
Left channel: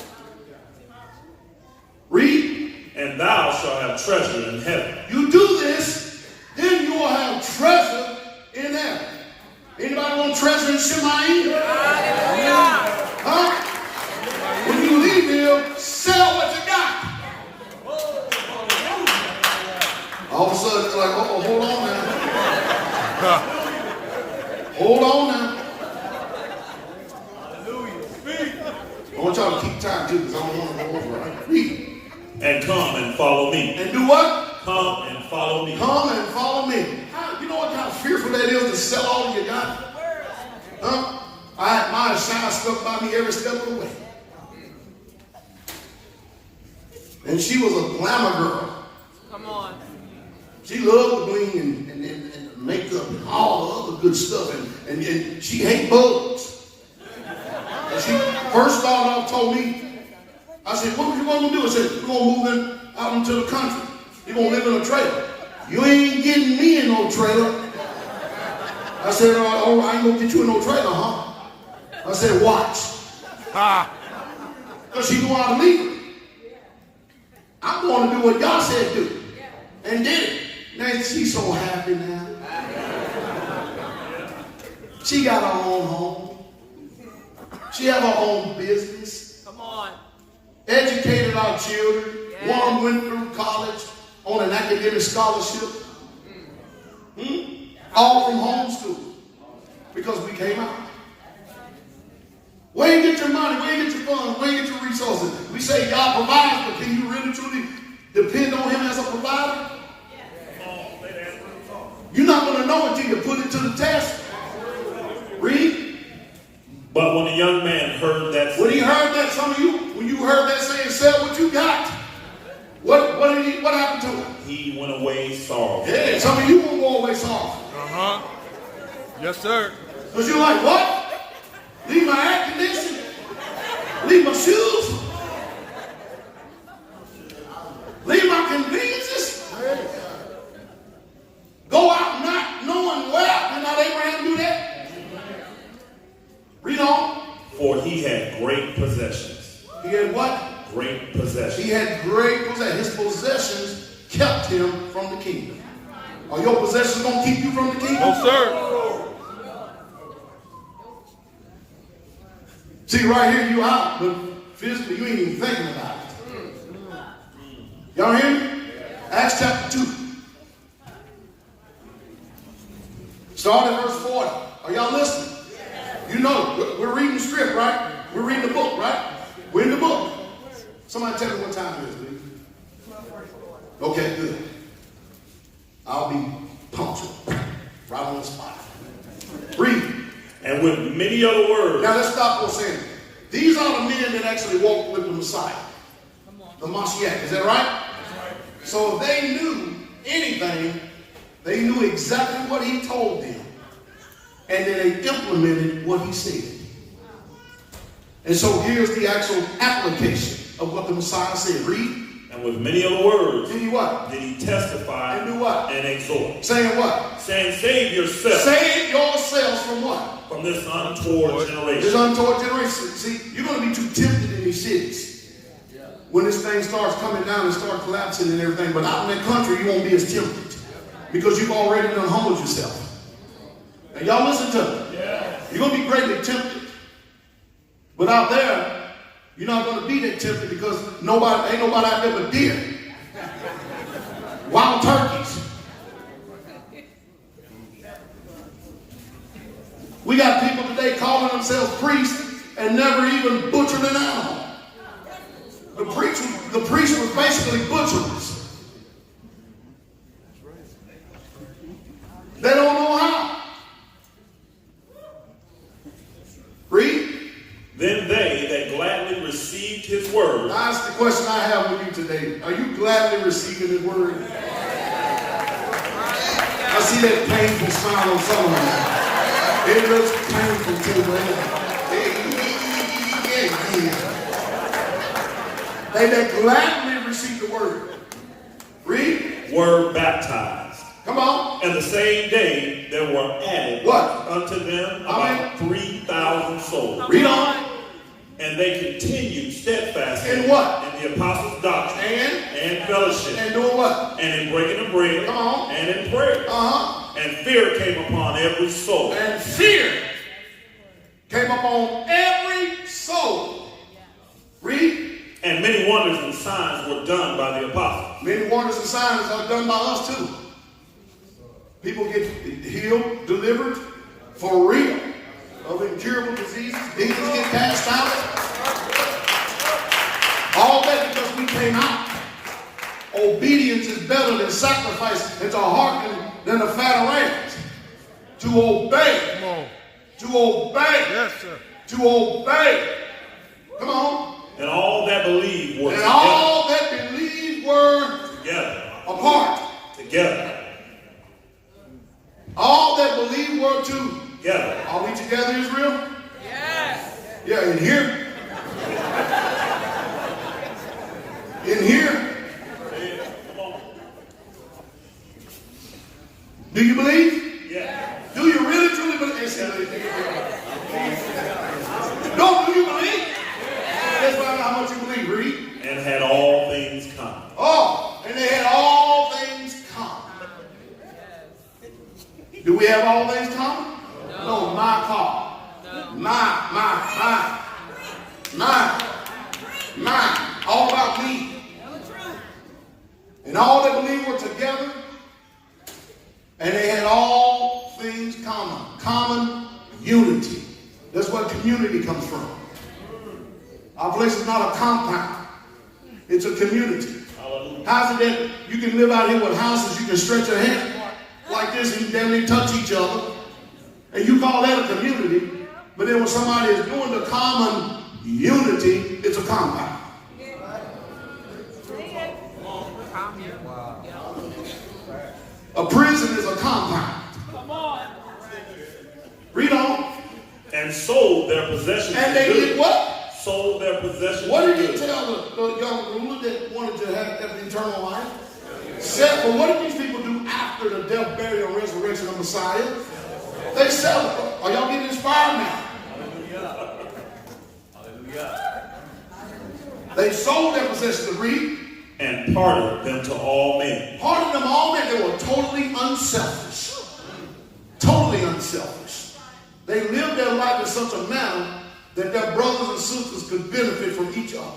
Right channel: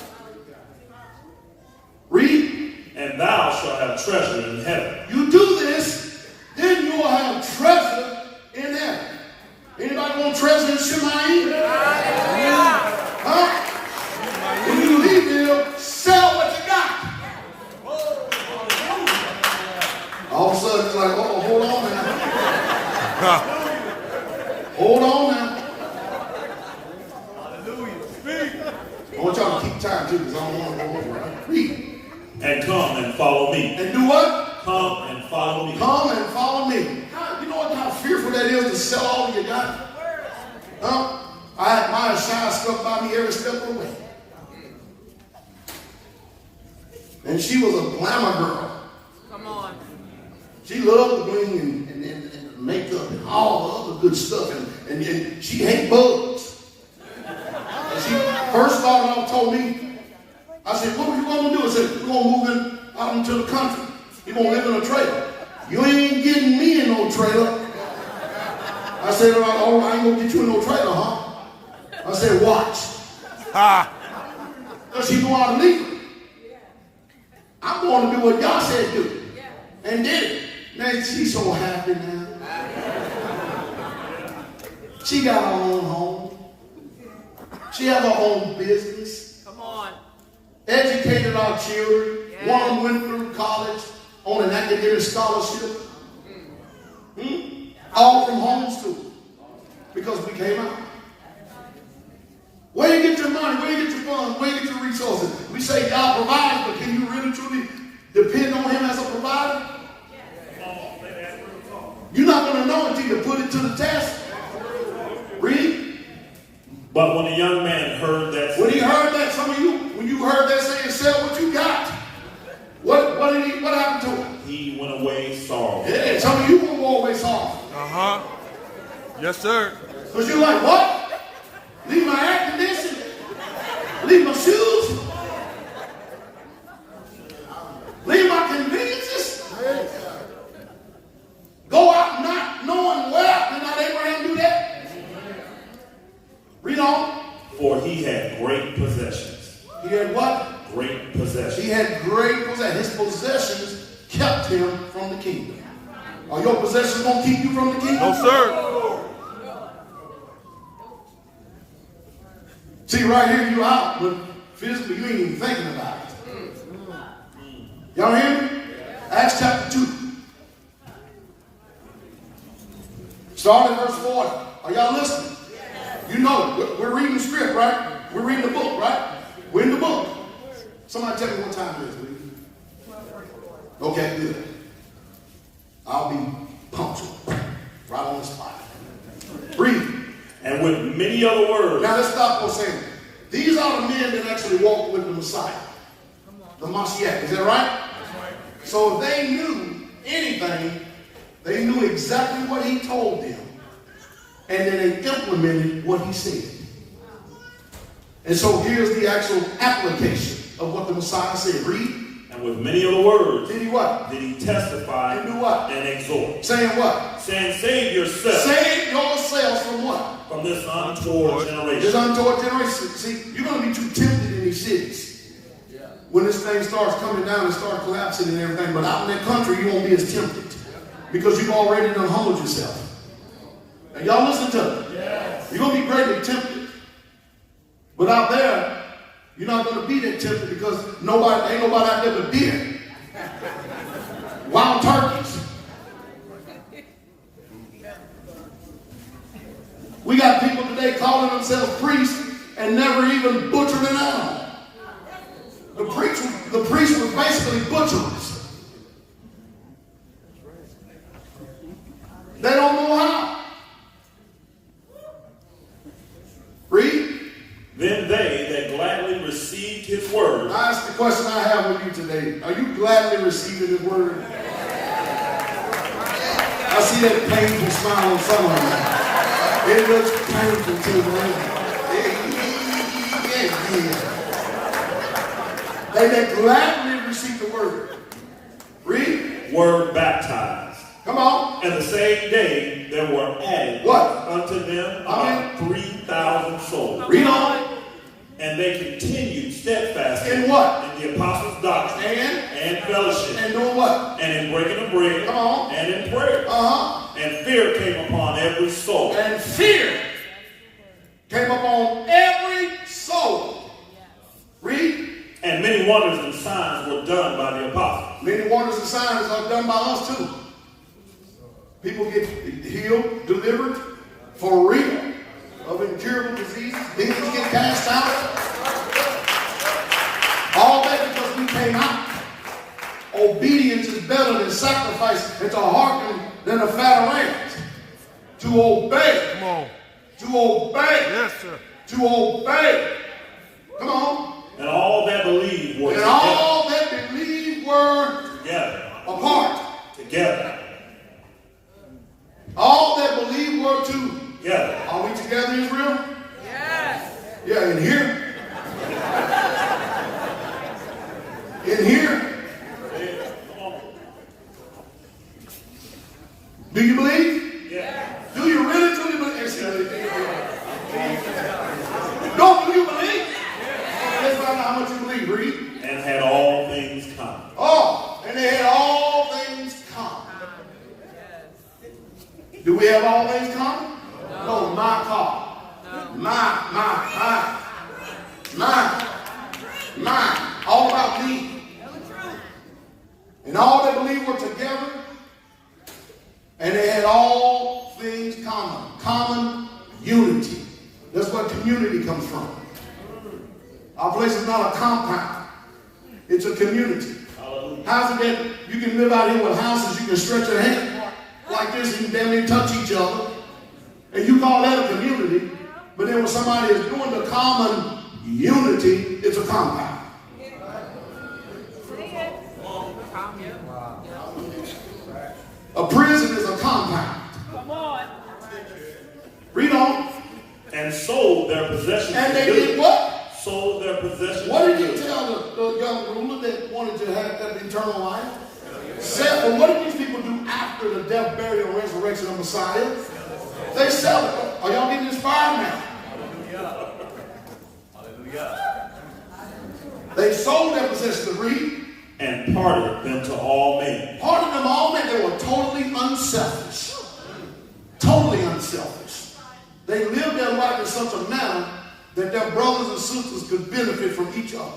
Read. And thou shalt have treasure in heaven. You do this, then you will have treasure in heaven. Anybody want treasure in Shemai? Hallelujah. Huh? When you leave here, sell what you got. All of a sudden, it's like, oh, hold on now. Hold on now. I want y'all to keep time too, because I don't want to go over it. Read. And come and follow me. And do what? Come and follow me. Come and follow me. You know what kind of fearful that is to sell all you got? Huh? I had my shine stuck by me every step of the way. And she was a glamour girl. Come on. She loved the bling and the makeup and all the other good stuff. And she hated bugs. And she first started off told me, I said, what you going to do? I said, we're going to move out into the country. You're going to live in a trailer. You ain't getting me in no trailer. I said, oh, I ain't going to get you in no trailer, huh? I said, watch. Because she's going to leave her. I'm going to do what God said do. And did it. Now she's so happy now. She got her own home. She have her own business. Come on. Educated our children. Yeah. One of them went through college on an academic scholarship. All from homeschool. Because we came out. Where you get your money? Where you get your funds? Where you get your resources? We say God provides, but can you really truly depend on him as a provider? You're not going to know until you put it to the test. Read. But when the young man heard that, When he heard that, some of you, when you heard that saying, sell what you got, what happened to him? he went away sorrowful. Yeah, some of you will go away sorrowful. Uh-huh. Yes, sir. Because you're like, what? Leave my air conditioning? Leave my shoes? Leave my conveniences? Go out not knowing where? Did not Abraham do that? Read on. For he had great possessions. He had what? Great possessions. He had great possessions. His possessions kept him from the kingdom. Are your possessions going to keep you from the kingdom? No, sir. See, right here, you out, but physically, you ain't even thinking about it. Y'all hear me? Acts chapter 2. Start at verse 40. Are y'all listening? You know, we're reading the script, right? We're reading the book, right? We're in the book. Somebody tell me what time it is, please. Okay, good. I'll be punctual. Right on the spot. Read. And with many other words. Now let's stop for a second. These are the men that actually walked with the Messiah. The Mashiach. Is that right? So if they knew anything, they knew exactly what he told them. And then they implemented what he said. And so here's the actual application of what the Messiah said. Read. And with many other words. Did he what? Did he testify And do what? and exhort. Saying what? Saying, save yourself. Save yourselves from what? From this untoward generation. This untoward generation. See, you're going to be too tempted in these cities. When this thing starts coming down and start collapsing and everything. But out in that country, you won't be as tempted. Because you've already done humbled yourself. And y'all listen to me. You're going to be greatly tempted. But out there, you're not going to be that tempted because ain't nobody out there but deer. Wild turkeys. We got people today calling themselves priests and never even butchered an animal. The priests were basically butchers. They don't know how. Read. Then they that gladly received his word. That's the question I have with you today. Are you gladly receiving his word? I see that painful smile on some of them. It looks painful too, man. They that gladly receive the word. Read. Were baptized. Come on. And the same day there were added What? unto them about 3,000 souls. Read on. And they continued steadfast In what? In the apostles' doctrine and fellowship. And doing what? And in breaking the bread. Come on. And in prayer. Uh-huh. And fear came upon every soul. And fear came upon every soul. Read. And many wonders and signs were done by the apostles. Many wonders and signs are done by us too. People get healed, delivered, for real, of incurable diseases. Demons get cast out. All that because we came out. Obedience is better than sacrifice, and to hearken than a fat of lambs. To obey. Come on. To obey. Yes, sir. To obey. Come on. And all that believed were And all that believed were together. apart. Together. All that believed were together. Are we together, Israel? Yes. Yeah, in here. In here. Do you believe? Yeah. Do you really truly believe? No, do you believe? Let's find out how much you believe. Read. And had all things common. Oh, and they had all things common. Do we have all things common? No, my car. Mine. All about me. And all that believe were together. And they had all things common. Common unity. That's where community comes from. Our place is not a compound. It's a community. How's it that you can live out here with houses, you can stretch your hand like this and you damn near touch each other, and you call that a community, but then when somebody is doing the common unity, it's a compound. A prison is a compound. Come on. Read on. And sold their possessions. And they did what? Sold their possessions. What did he tell the young ruler that wanted to have that eternal life? Said, well, what did these people do after the death, burial, and resurrection of Messiah? They sell it. Are y'all getting inspired now? Hallelujah. They sold their possessions to read. And parted them to all men. Parted them all men. They were totally unselfish. Totally unselfish. They lived their life in such a manner that their brothers and sisters could benefit from each other.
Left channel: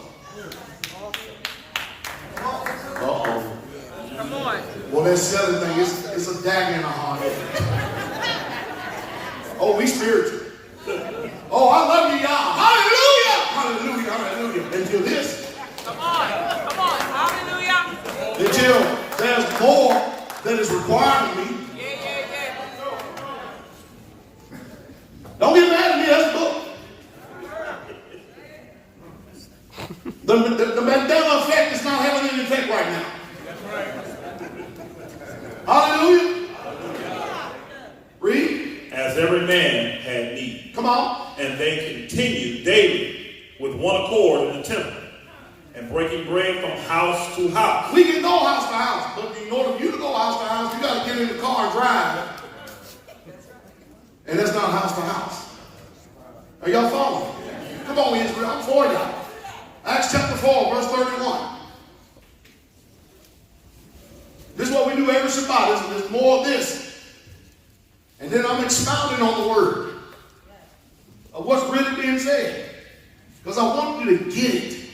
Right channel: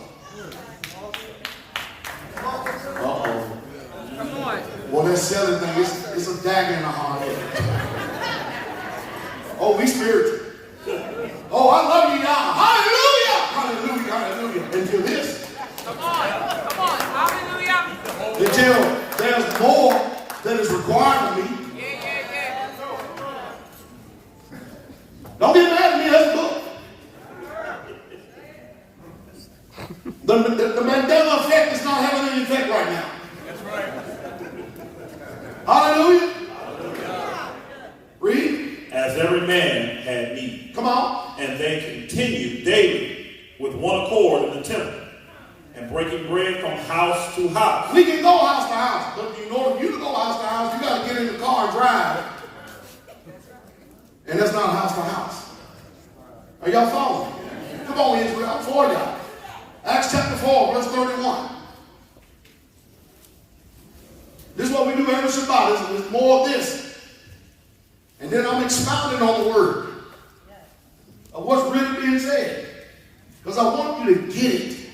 Uh-oh. Come on. Well, that selling thing is a dagger in the heart. Oh, we spiritual. Oh, I love you, y'all. Hallelujah. Hallelujah. Hallelujah. Until this. Come on. Come on. Hallelujah. Until there's more that is required of me. Yeah. Don't get mad at me. Let's go. The Mandela effect is not having any effect right now. Hallelujah. Read. As every man had need. Come on. And they continued daily with one accord in the temple, and breaking bread from house to house. We can go house to house, but in order for you to go house to house, you got to get in the car and drive. And that's not house to house. Are y'all following? Come on, Israel. I'm for y'all. Acts chapter 4, verse 31. This is what we do every Shabbat. There's more of this. And then I'm expounding on the word of what's really being said. Because I want you to get it.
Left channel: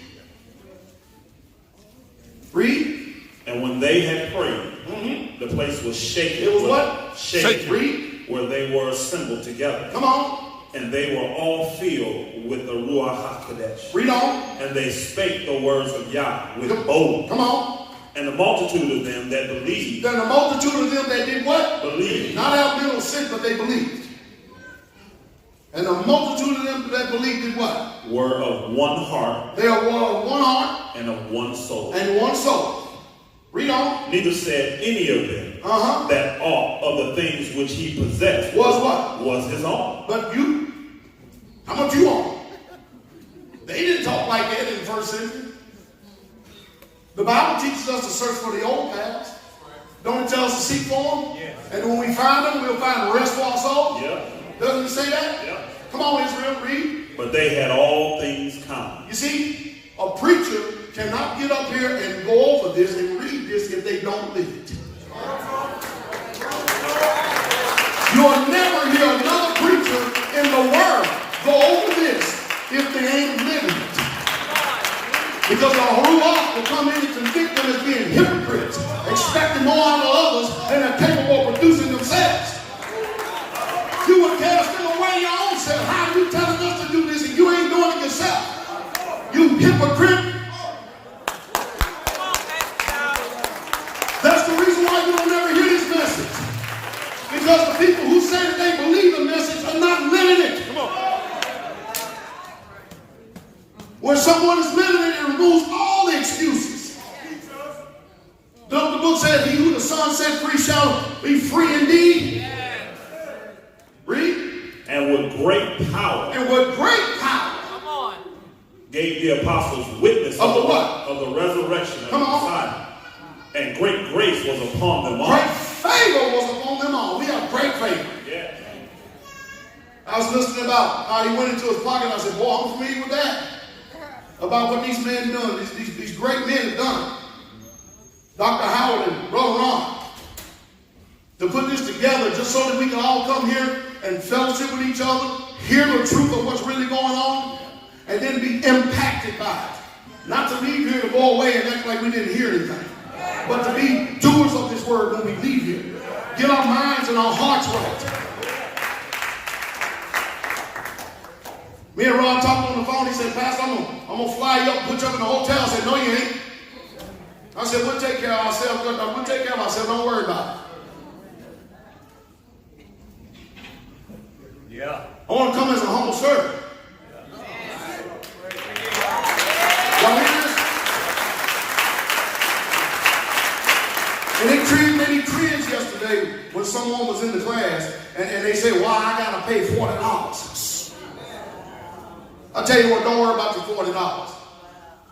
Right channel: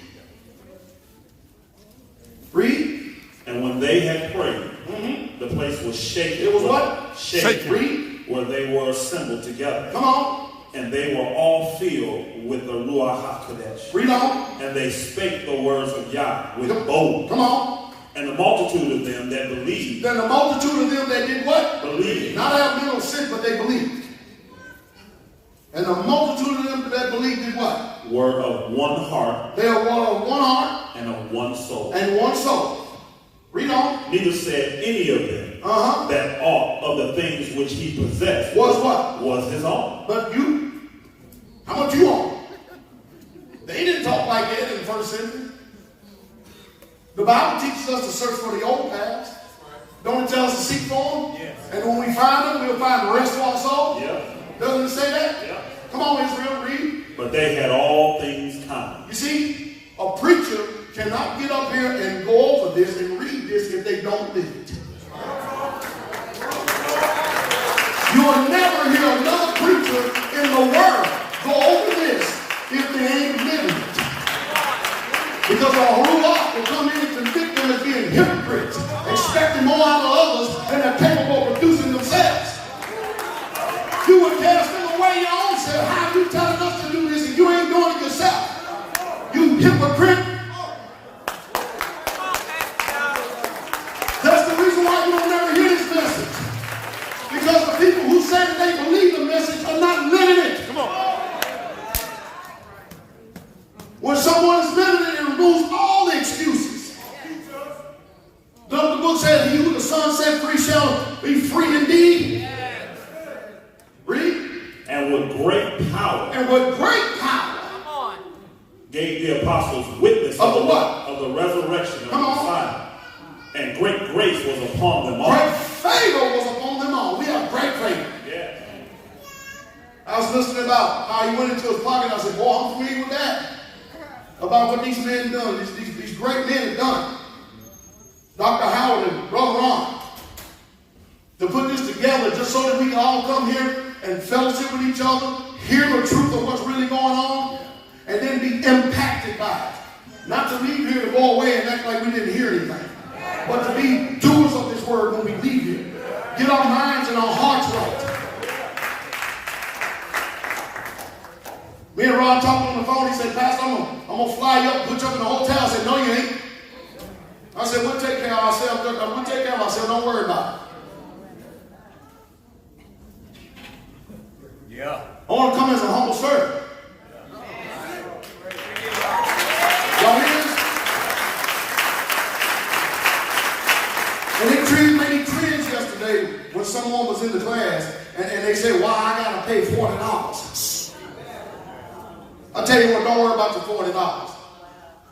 Read. And when they had prayed, the place was shaken. It was what? Shaken. Read. Where they were assembled together. Come on. And they were all filled with the Ruach HaKodesh. Read on. And they spake the words of Yah with boldness. Come on. And the multitude of them that believed. Then the multitude of them that did what? Believed. Not have little sin, but they believed. And the multitude of them that believed did what? Were of one heart. They are of one heart. And of one soul. And one soul. Read on. Neither said any of them that aught of the things which he possessed was what? Was his own. But you, how much you own? They didn't talk like that in the first century. The Bible teaches us to search for the old past. Don't it tell us to seek for them? Yes. And when we find them, we'll find the rest for our soul. Yeah. Doesn't it say that? Yeah. Come on, Israel, read. But they had all things common. You see, a preacher cannot get up here and go over this and read this if they don't live it. You'll never hear another preacher in the world go over this if they ain't living it. Because the Ruach will come in and convict them as being hypocrites, expecting more out of others than they're capable of producing themselves. You would cast them away your own self. How are you telling us to do this and you ain't doing it yourself? You hypocrite. That's the reason why you don't never hear this message. Because the people who say that they believe the message are not living it. When someone is living it, it removes all the excuses. The book says, he who the Son set free shall be free indeed. Yes. Read. And with great power. And with great power. Come on. Gave the apostles witness of the what? Of the resurrection of the Messiah. And great grace was upon them all. Great favor was upon them all. We have great favor. Yeah. I was listening about how he went into his pocket. I said, boy, I'm familiar with that. About what these men done, these great men have done. Dr. Howard and Brother Ron. To put this together just so that we can all come here and fellowship with each other, hear the truth of what's really going on, and then be impacted by it. Not to leave here to go away and act like we didn't hear anything, but to be doers of this word when we leave here. Get our minds and our hearts right. Me and Rob talked on the phone. He said, Pastor, I'm gonna fly you up, put you up in the hotel. I said, no, you ain't. I said, we'll take care of ourselves. We'll take care of ourselves. Don't worry about it. Yeah. I want to come as a humble servant. Y'all hear this? When they cringed yesterday when someone was in the class and they say, well, I got to pay $40. I tell you what, don't worry about your $40. All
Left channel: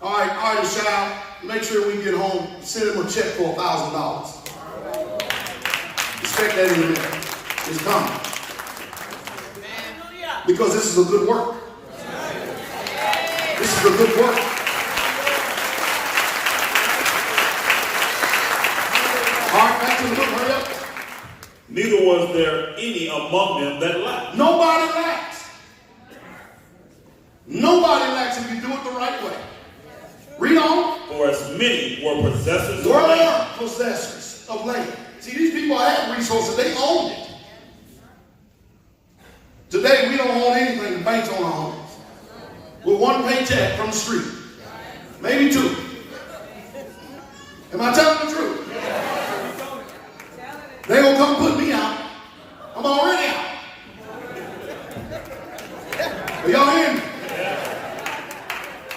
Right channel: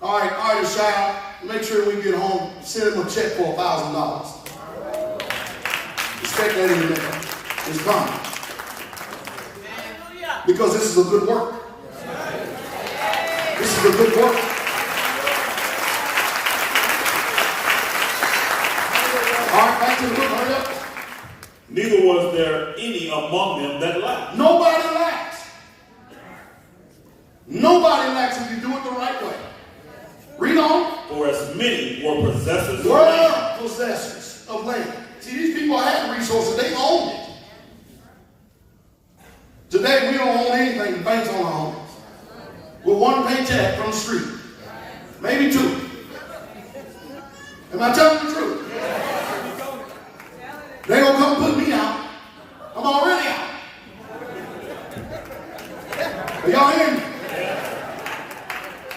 right, child, make sure we get home, send him a check for $1,000. Expect that in the mail. It's coming. Because this is a good work. This is a good work. All right, back to the book, hurry up. Neither was there any among them that lacked. Nobody lacks. Nobody lacks if you do it the right way. Read on. For as many were possessors of Were land. possessors of land. See, these people had resources. They owned it. Today, we don't own anything. The banks own our homes. With one paycheck from the street. Maybe two. Am I telling the truth? They gonna come put me out. I'm already out. Are y'all hear me?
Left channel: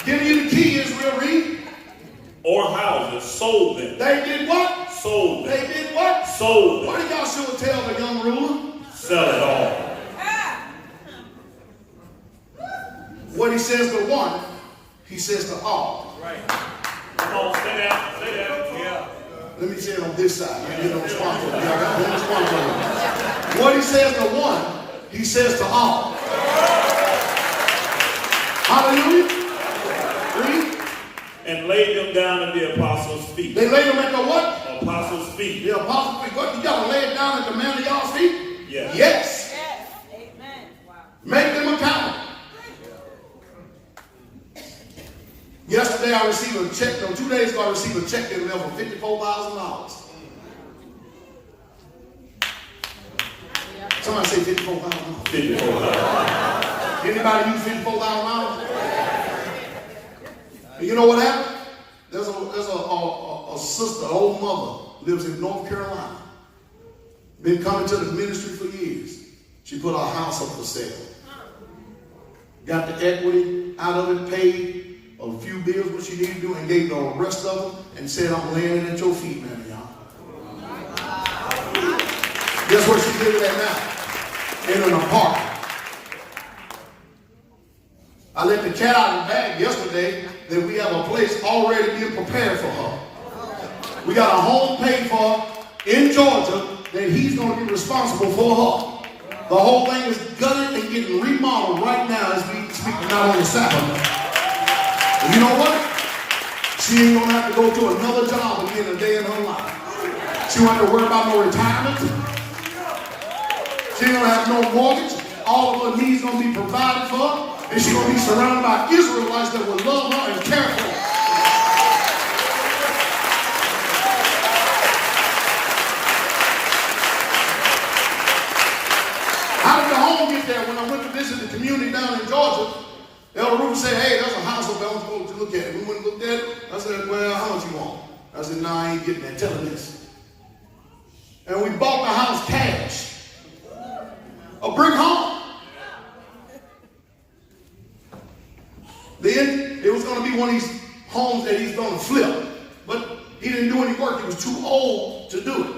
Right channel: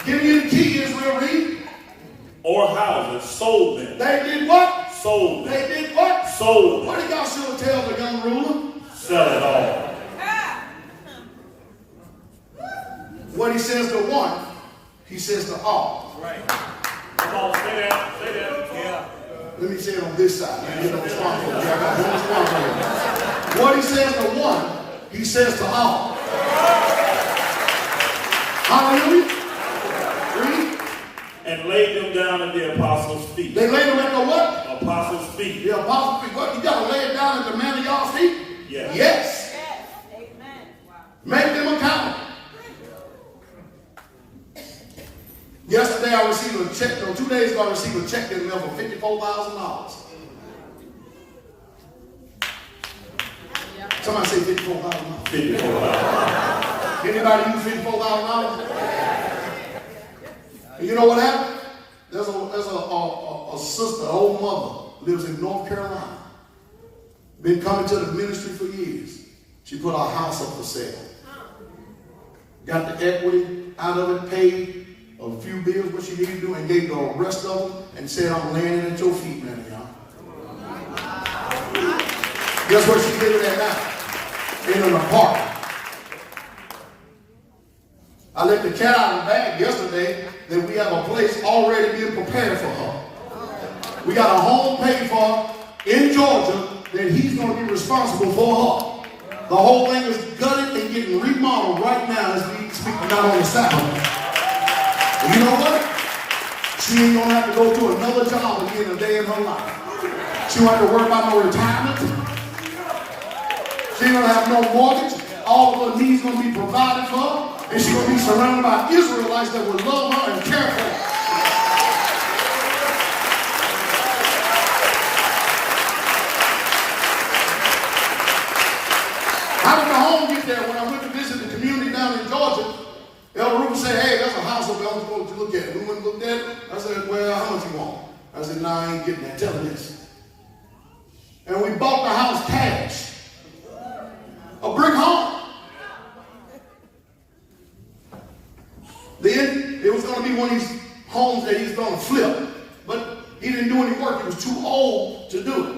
Give you the key, Israel, read. Or houses, sold them. They did what? Sold them. They did what? Sold What them. did Joshua tell the young ruler? Sell it all. What he says to one, he says to all. Come on, say that. Say that. Yeah. Let me say it on this side. Let me get no sponsor. I got one sponsor. What he says to one, he says to all. Hallelujah. Read. And laid them down at the apostles' feet. They laid them at the what? Apostles' feet. The apostles' feet. What? You got to lay it down at the man of y'all's feet? Yes. Yes. Amen. Wow. Make them accountable. Yesterday I received a check, 2 days ago I received a check in the mail for $54,000. Somebody say $54,000. 54,000. Anybody use $54,000? And you know what happened? There's a sister, an old mother, lives in North Carolina. Been coming to the ministry for years. She put our house up for sale. Got the equity out of it, paid a few bills what she needed to do, and gave the rest of them, and said, I'm laying it at your feet, man, y'all. Guess where she did it at now? In an apartment. I let the cat out of the bag yesterday that we have a place already being prepared for her. We got a home paid for in Georgia that he's going to be responsible for her. The whole thing is gutted and getting remodeled right now as we speak, not on the Sabbath. And you know what? She ain't going to have to go to another job again a day in her life. She won't have to worry about no retirement. She ain't going to have no mortgage. All of her needs going to be provided for her. And she's going to be surrounded by Israelites that will love her and care for her. How did the home get there? When I went to visit the community down in Georgia, Elder Rubin said, hey, there's a house up there. I was going to look at it. We went and looked at it. I said, well, how much you want? I said, nah, I ain't getting that. Tell her this. And we bought the house cash. A brick home. Then it was going to be one of these homes that he's going to flip. But he didn't do any work. He was too old to do it.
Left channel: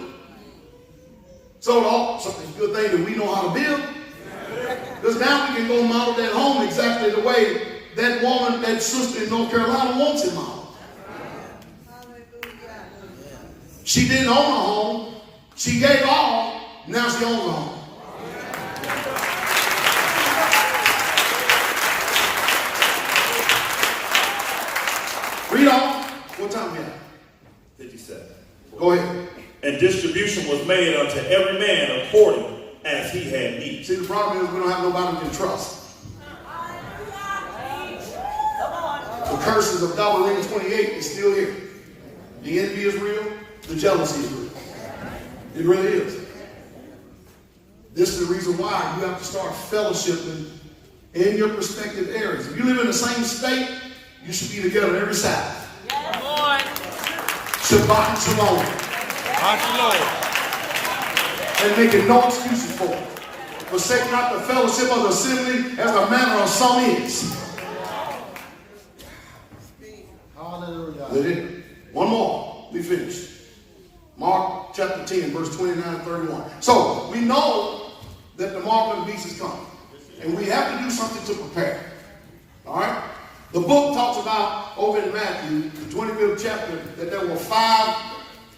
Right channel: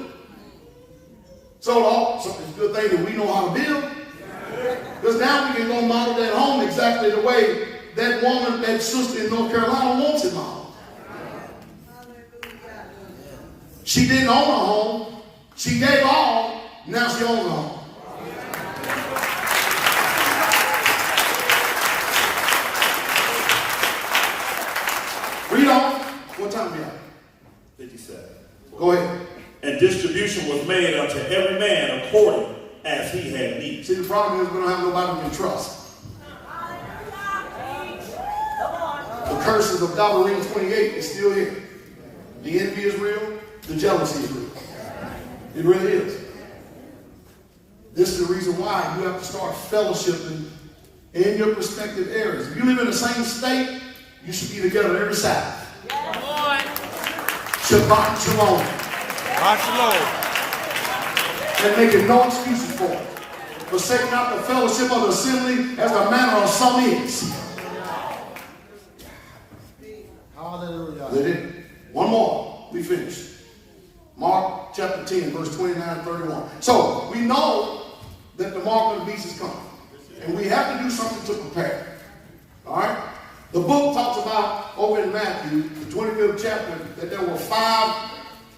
So it's a good thing that we know how to build. Because now we can go model that home exactly the way that woman, that sister in North Carolina wants it modeled. She didn't own a home. She gave all. Now she owns a home. Read on. What time we have? 57. Go ahead. And distribution was made unto every man according as he had need. See, the problem is we don't have nobody we can trust. The curses of Dowell 28 is still here. The envy is real. The jealousy is real. It really is. This is the reason why you have to start fellowshipping in your respective areas. If you live in the same state, you should be together every Sabbath. Come on. Shabbat Shalom. And making no excuses for it. Forsake not the fellowship of the assembly as the manner of some is. Hallelujah. One more. We finish. Mark chapter 10, verse 29 and 31. So we know that the mark of the beast is coming. And we have to do something to prepare. All right? The book talks about, over in Matthew, the 25th chapter, that there were 5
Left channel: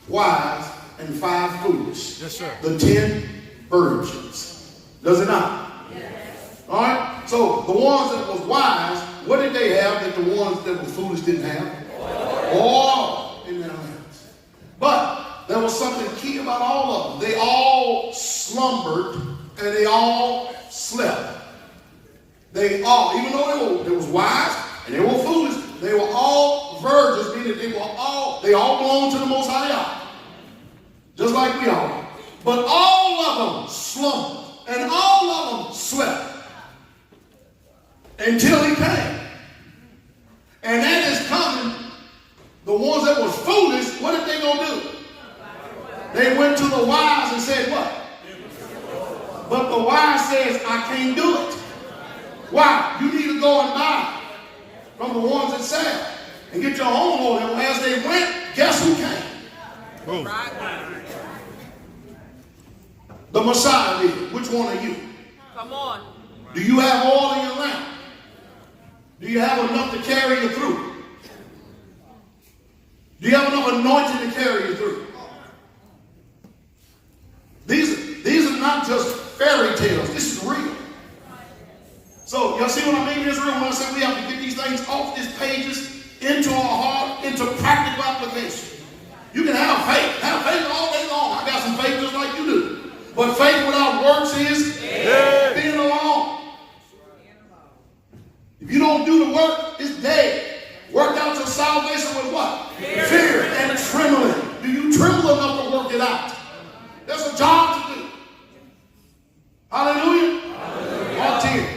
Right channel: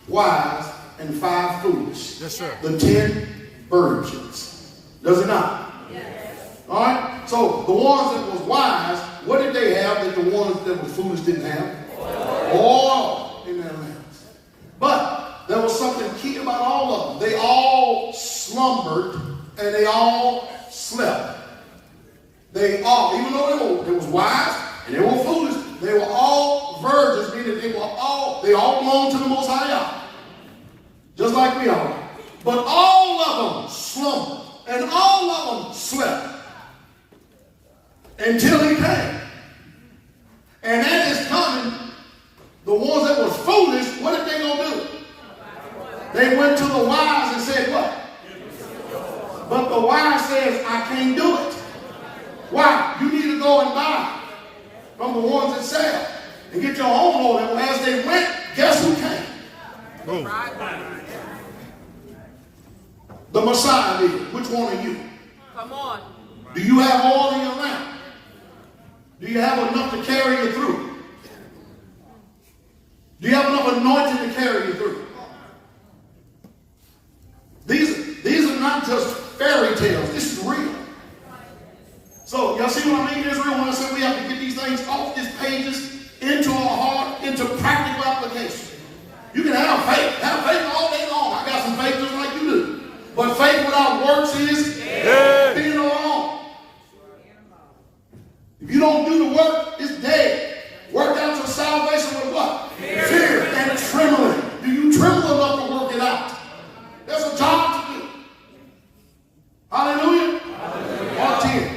wise and 5 foolish. Yes, sir. The 10 virgins. Does it not? Yes. All right? So the ones that was wise, what did they have that the ones that were foolish didn't have? Oil. Amen, amen. But there was something key about all of them. They all slumbered and they all slept. They all, even though they was wise and they were foolish, they were all virgins, meaning they all belonged to the Most High God. Just like we are. But all of them slumbered and all of them slept until he came. And at his coming, the ones that were foolish, what did they go do? They went to the wise and said what? But the wise says, I can't do it. Why? You need to go and buy from the ones that sell and get your own load. And as they went, guess who came? Boom. The Messiah did. Which one are you? Come on. Do you have oil in your lamp? Do you have enough to carry you through? Do you have enough anointing to carry you through? These are not just fairy tales. This is real. So, y'all see what I mean, Israel, when I say we have to get these things off these pages into our heart, into practical application. You can have faith all day long. I got some faith just like you do. But faith without works is being alone. If you don't do the work, it's dead. Work out your salvation with what? Fear and trembling. Do you tremble enough to work it out? There's a job to do. Hallelujah. Mark 10.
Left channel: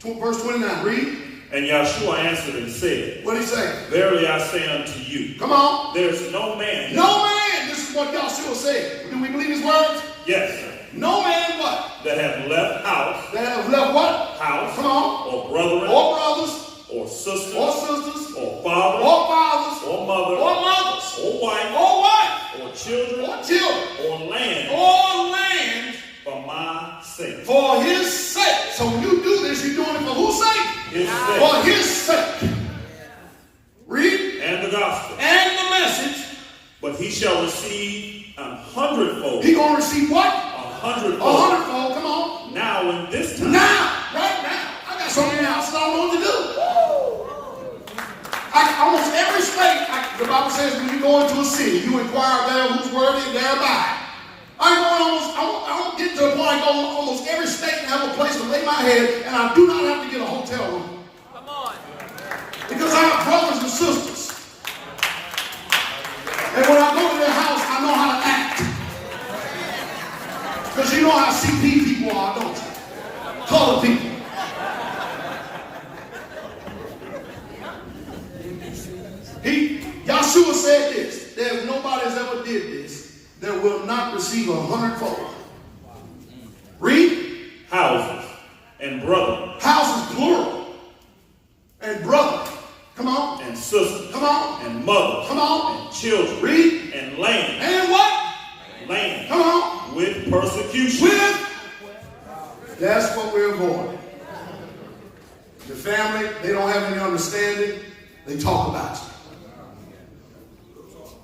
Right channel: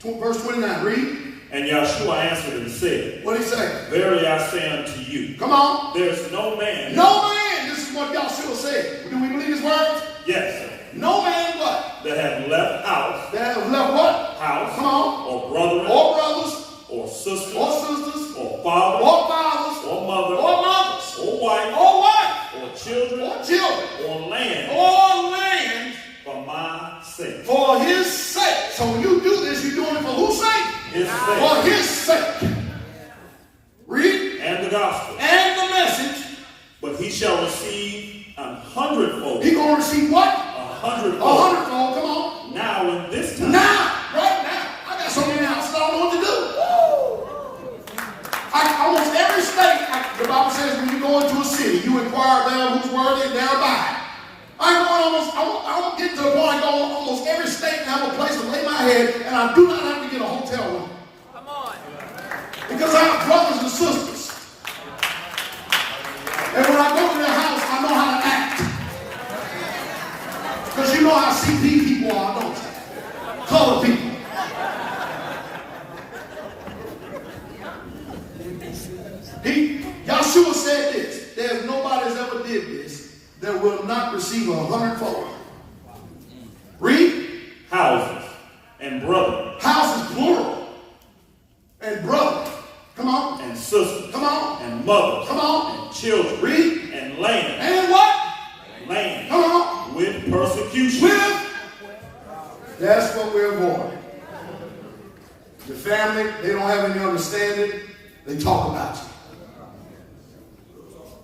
Verse 29. Read. And Yahshua answered and said, What did he say? Verily I say unto you, Come on. there's no man. No man. This is what Yahshua said. Do we believe his words? Yes, sir. No man what? That have left house. That have left what? House. Come on. Or brethren. Or brothers. Or sisters. Or sisters. Or fathers. Or fathers. Or mother. Or mothers. Or wife. Or wife. Or children. Or children. Or land. Or land. For my sake. For his sake. So when you do this, you're doing it for whose sake? His sake. For his sake. Read. And the gospel. And the message. But he shall receive 100-fold. He's going to receive what? 100-fold. 100-fold. Come on. Now in this time. Now. Right now. I got something else I don't know what to do. Almost every state, the Bible says when you go into a city, you inquire there whose word they thereby. I'm going to get to the point I go almost every state and have a place to lay my head, and I do not have to get a hotel room. Come on. Because I have brothers and sisters. And when I go to their house, I know how to act. Because you know how CP people are, don't you? Colored people. Yahshua said this. There's nobody that's ever did this that will not receive 100-fold. Read. Houses and brother. Houses plural. And brother. Come on. And sister. Come on. And mother. Come on. And children. Read. And land. And what? Land. Come on. With persecution. With. That's what we're avoiding. The family, they don't have any understanding. They talk about you.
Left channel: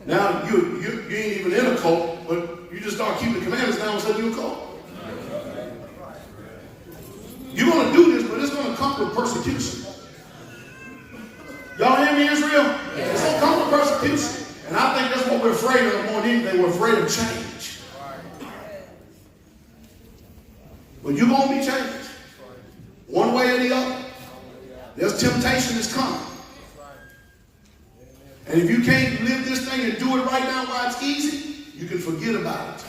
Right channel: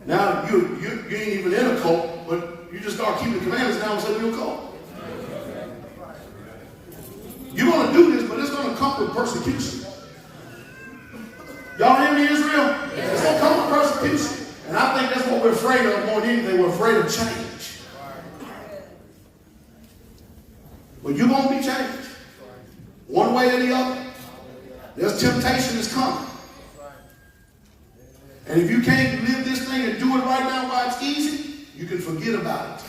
Now, you ain't even in a cult, but you just start keeping the commandments now and say you're a cult. You're going to do this, but it's going to come with persecution. Y'all hear me, Israel? It's going to come with persecution. And I think that's what we're afraid of more than anything. We're afraid of change. But you're going to be changed. One way or the other. There's temptation that's coming. And if you can't live this thing and do it right now while it's easy, you can forget about it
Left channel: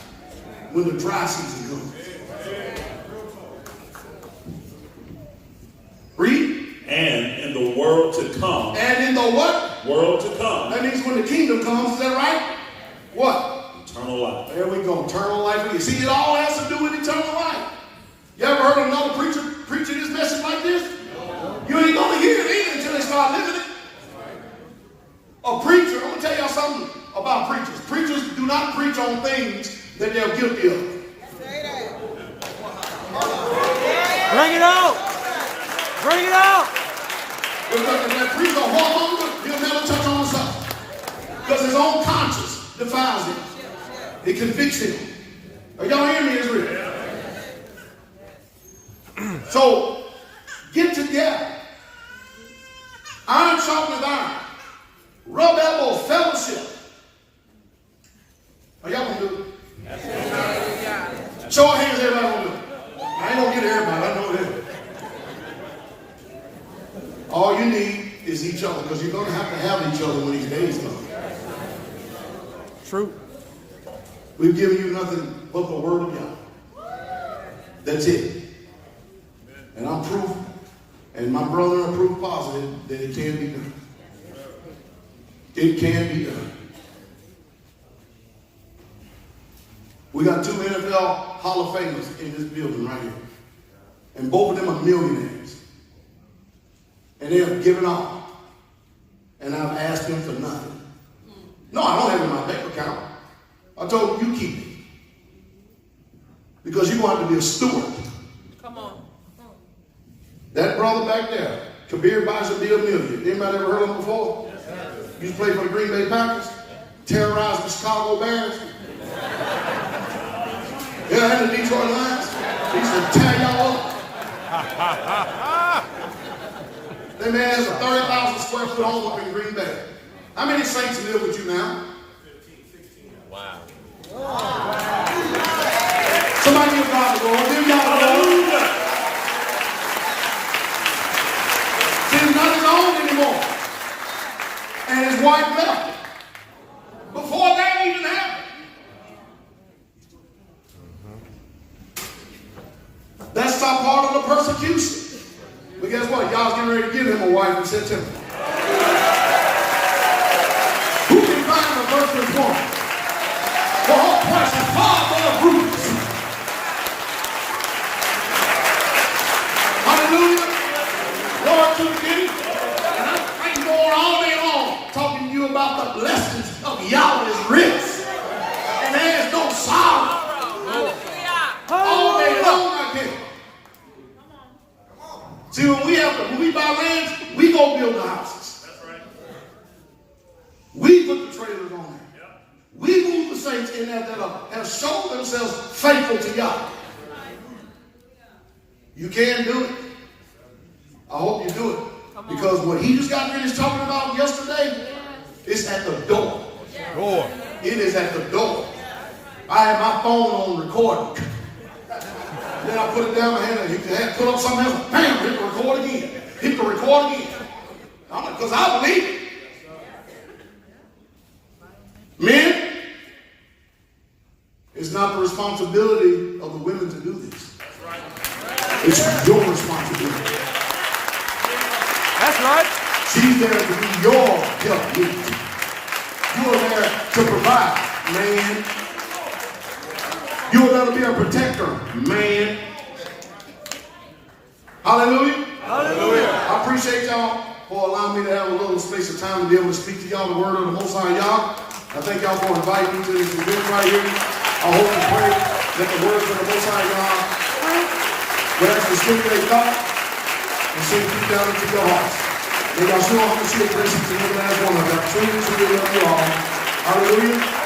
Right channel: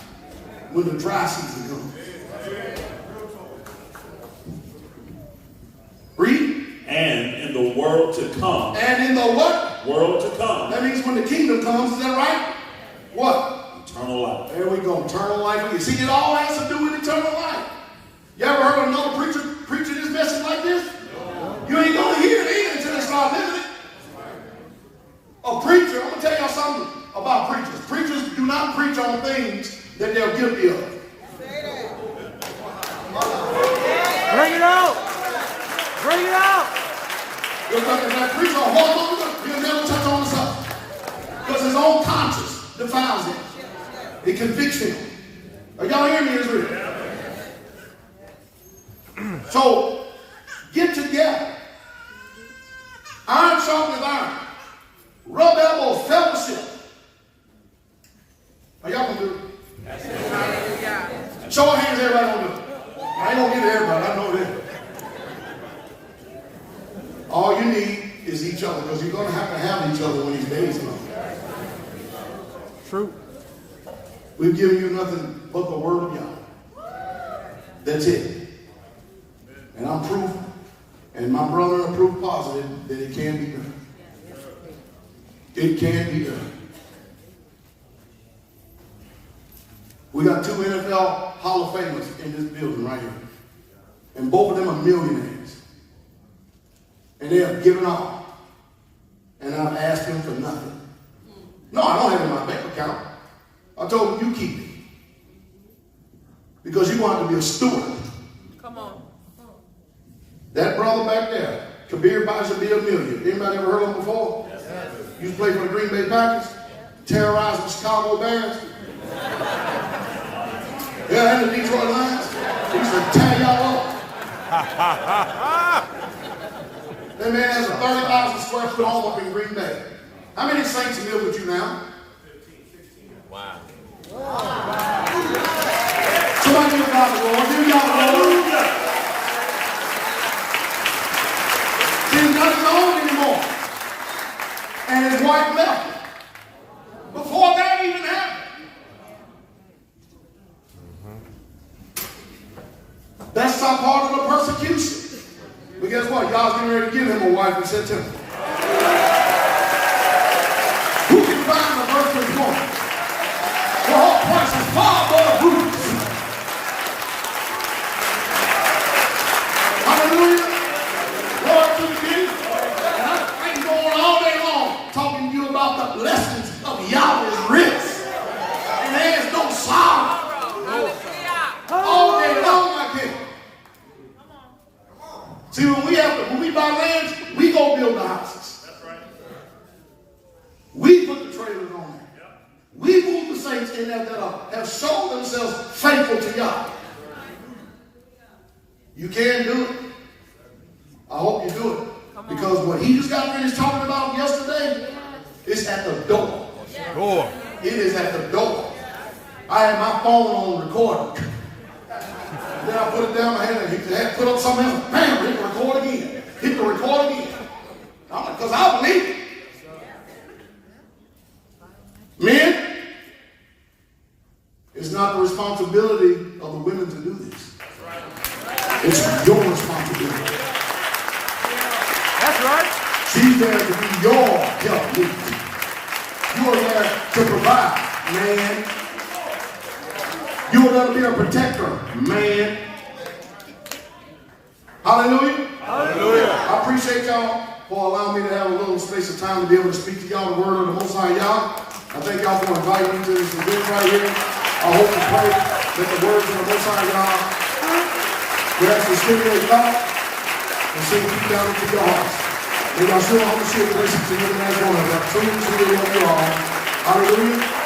when the dry season comes. world to come. And in the what? World to come. That means when the kingdom comes, is that right? What? Eternal life. There we go. Eternal life. You see, it all has to do with eternal life. You ever heard another preacher preaching this message like this? You ain't going to hear it until they start living it. A preacher, I'm going to tell y'all something about preachers. Preachers do not preach on things that they're guilty of. Bring it out. Bring it out. If that preacher hold on to it, he'll never touch on himself. Because his own conscience defiles him. It convicts him. Are y'all hearing me, Israel? So, get together. Iron sharpens iron. Rub elbows, fellowship. Are y'all gonna do it? Hallelujah. Show of hands, everybody gonna do it. I ain't gonna get to everybody, I know that. All you need is each other, because you're gonna have each other when these days come. True. We've given you nothing but the word of God. That's it. And I'm proof, and my brother are proof positive that it can be done. It can be done. We got 2 NFL Hall of Famers in this building right here. And both of them are millionaires. And they have given up. And I've asked them for nothing. No, I don't have it in my bank account. I told them, you keep it. Because you're going to have to be a steward. Come on. That brother back there, Kabir Bison did $1 million. Anybody ever heard of him before? Yes. Used to play for the Green Bay Packers, terrorized the Chicago Bears. Yeah, and the Detroit Lions. He used to tear y'all up. That man has a 30,000 square foot home up in Green Bay. How many saints live with you now? 15, 16. Wow. Somebody give God the glory. Give y'all the glory. See, he's not his own anymore. And his wife left him. Before that even happened. That's not part of the persecution. But guess what? Y'all getting ready to give him a wife in September. Who can find a virtuous woman? For her price is far more bruised. Hallelujah. Lord to the king. And I can go on all day long talking to you about the blessings of Yahweh's rest. And there's no sorrow. Hallelujah. All day long I can. See, when we buy lands, we go build the houses. That's right. We put the trailers on there. Yep. We move the saints in there that have shown themselves faithful to God. You can do it. I hope you do it. Because what he just got finished talking about yesterday is at the door. Door. It is at the door. I had my phone on recording. Then I put it down my hand and he had put up something else. Bam, hit the record again. Hit the record again. Because I believe it. Men, it's not the responsibility of the women to do this. It's your responsibility. That's right. She's there to be your help. You are there to provide, man. You are there to be a protector, man. Hallelujah. Hallelujah. I appreciate y'all for allowing me to have a little space of time to be able to speak to y'all the word of the Most High Yah. I thank y'all for inviting me to this event right here. I hope and pray that the words of the Most High Yah will actually stimulate thought and sink deep down into your hearts. May Yahshua HaMashiach bless you to you guys one of you. I truly love you all. Hallelujah.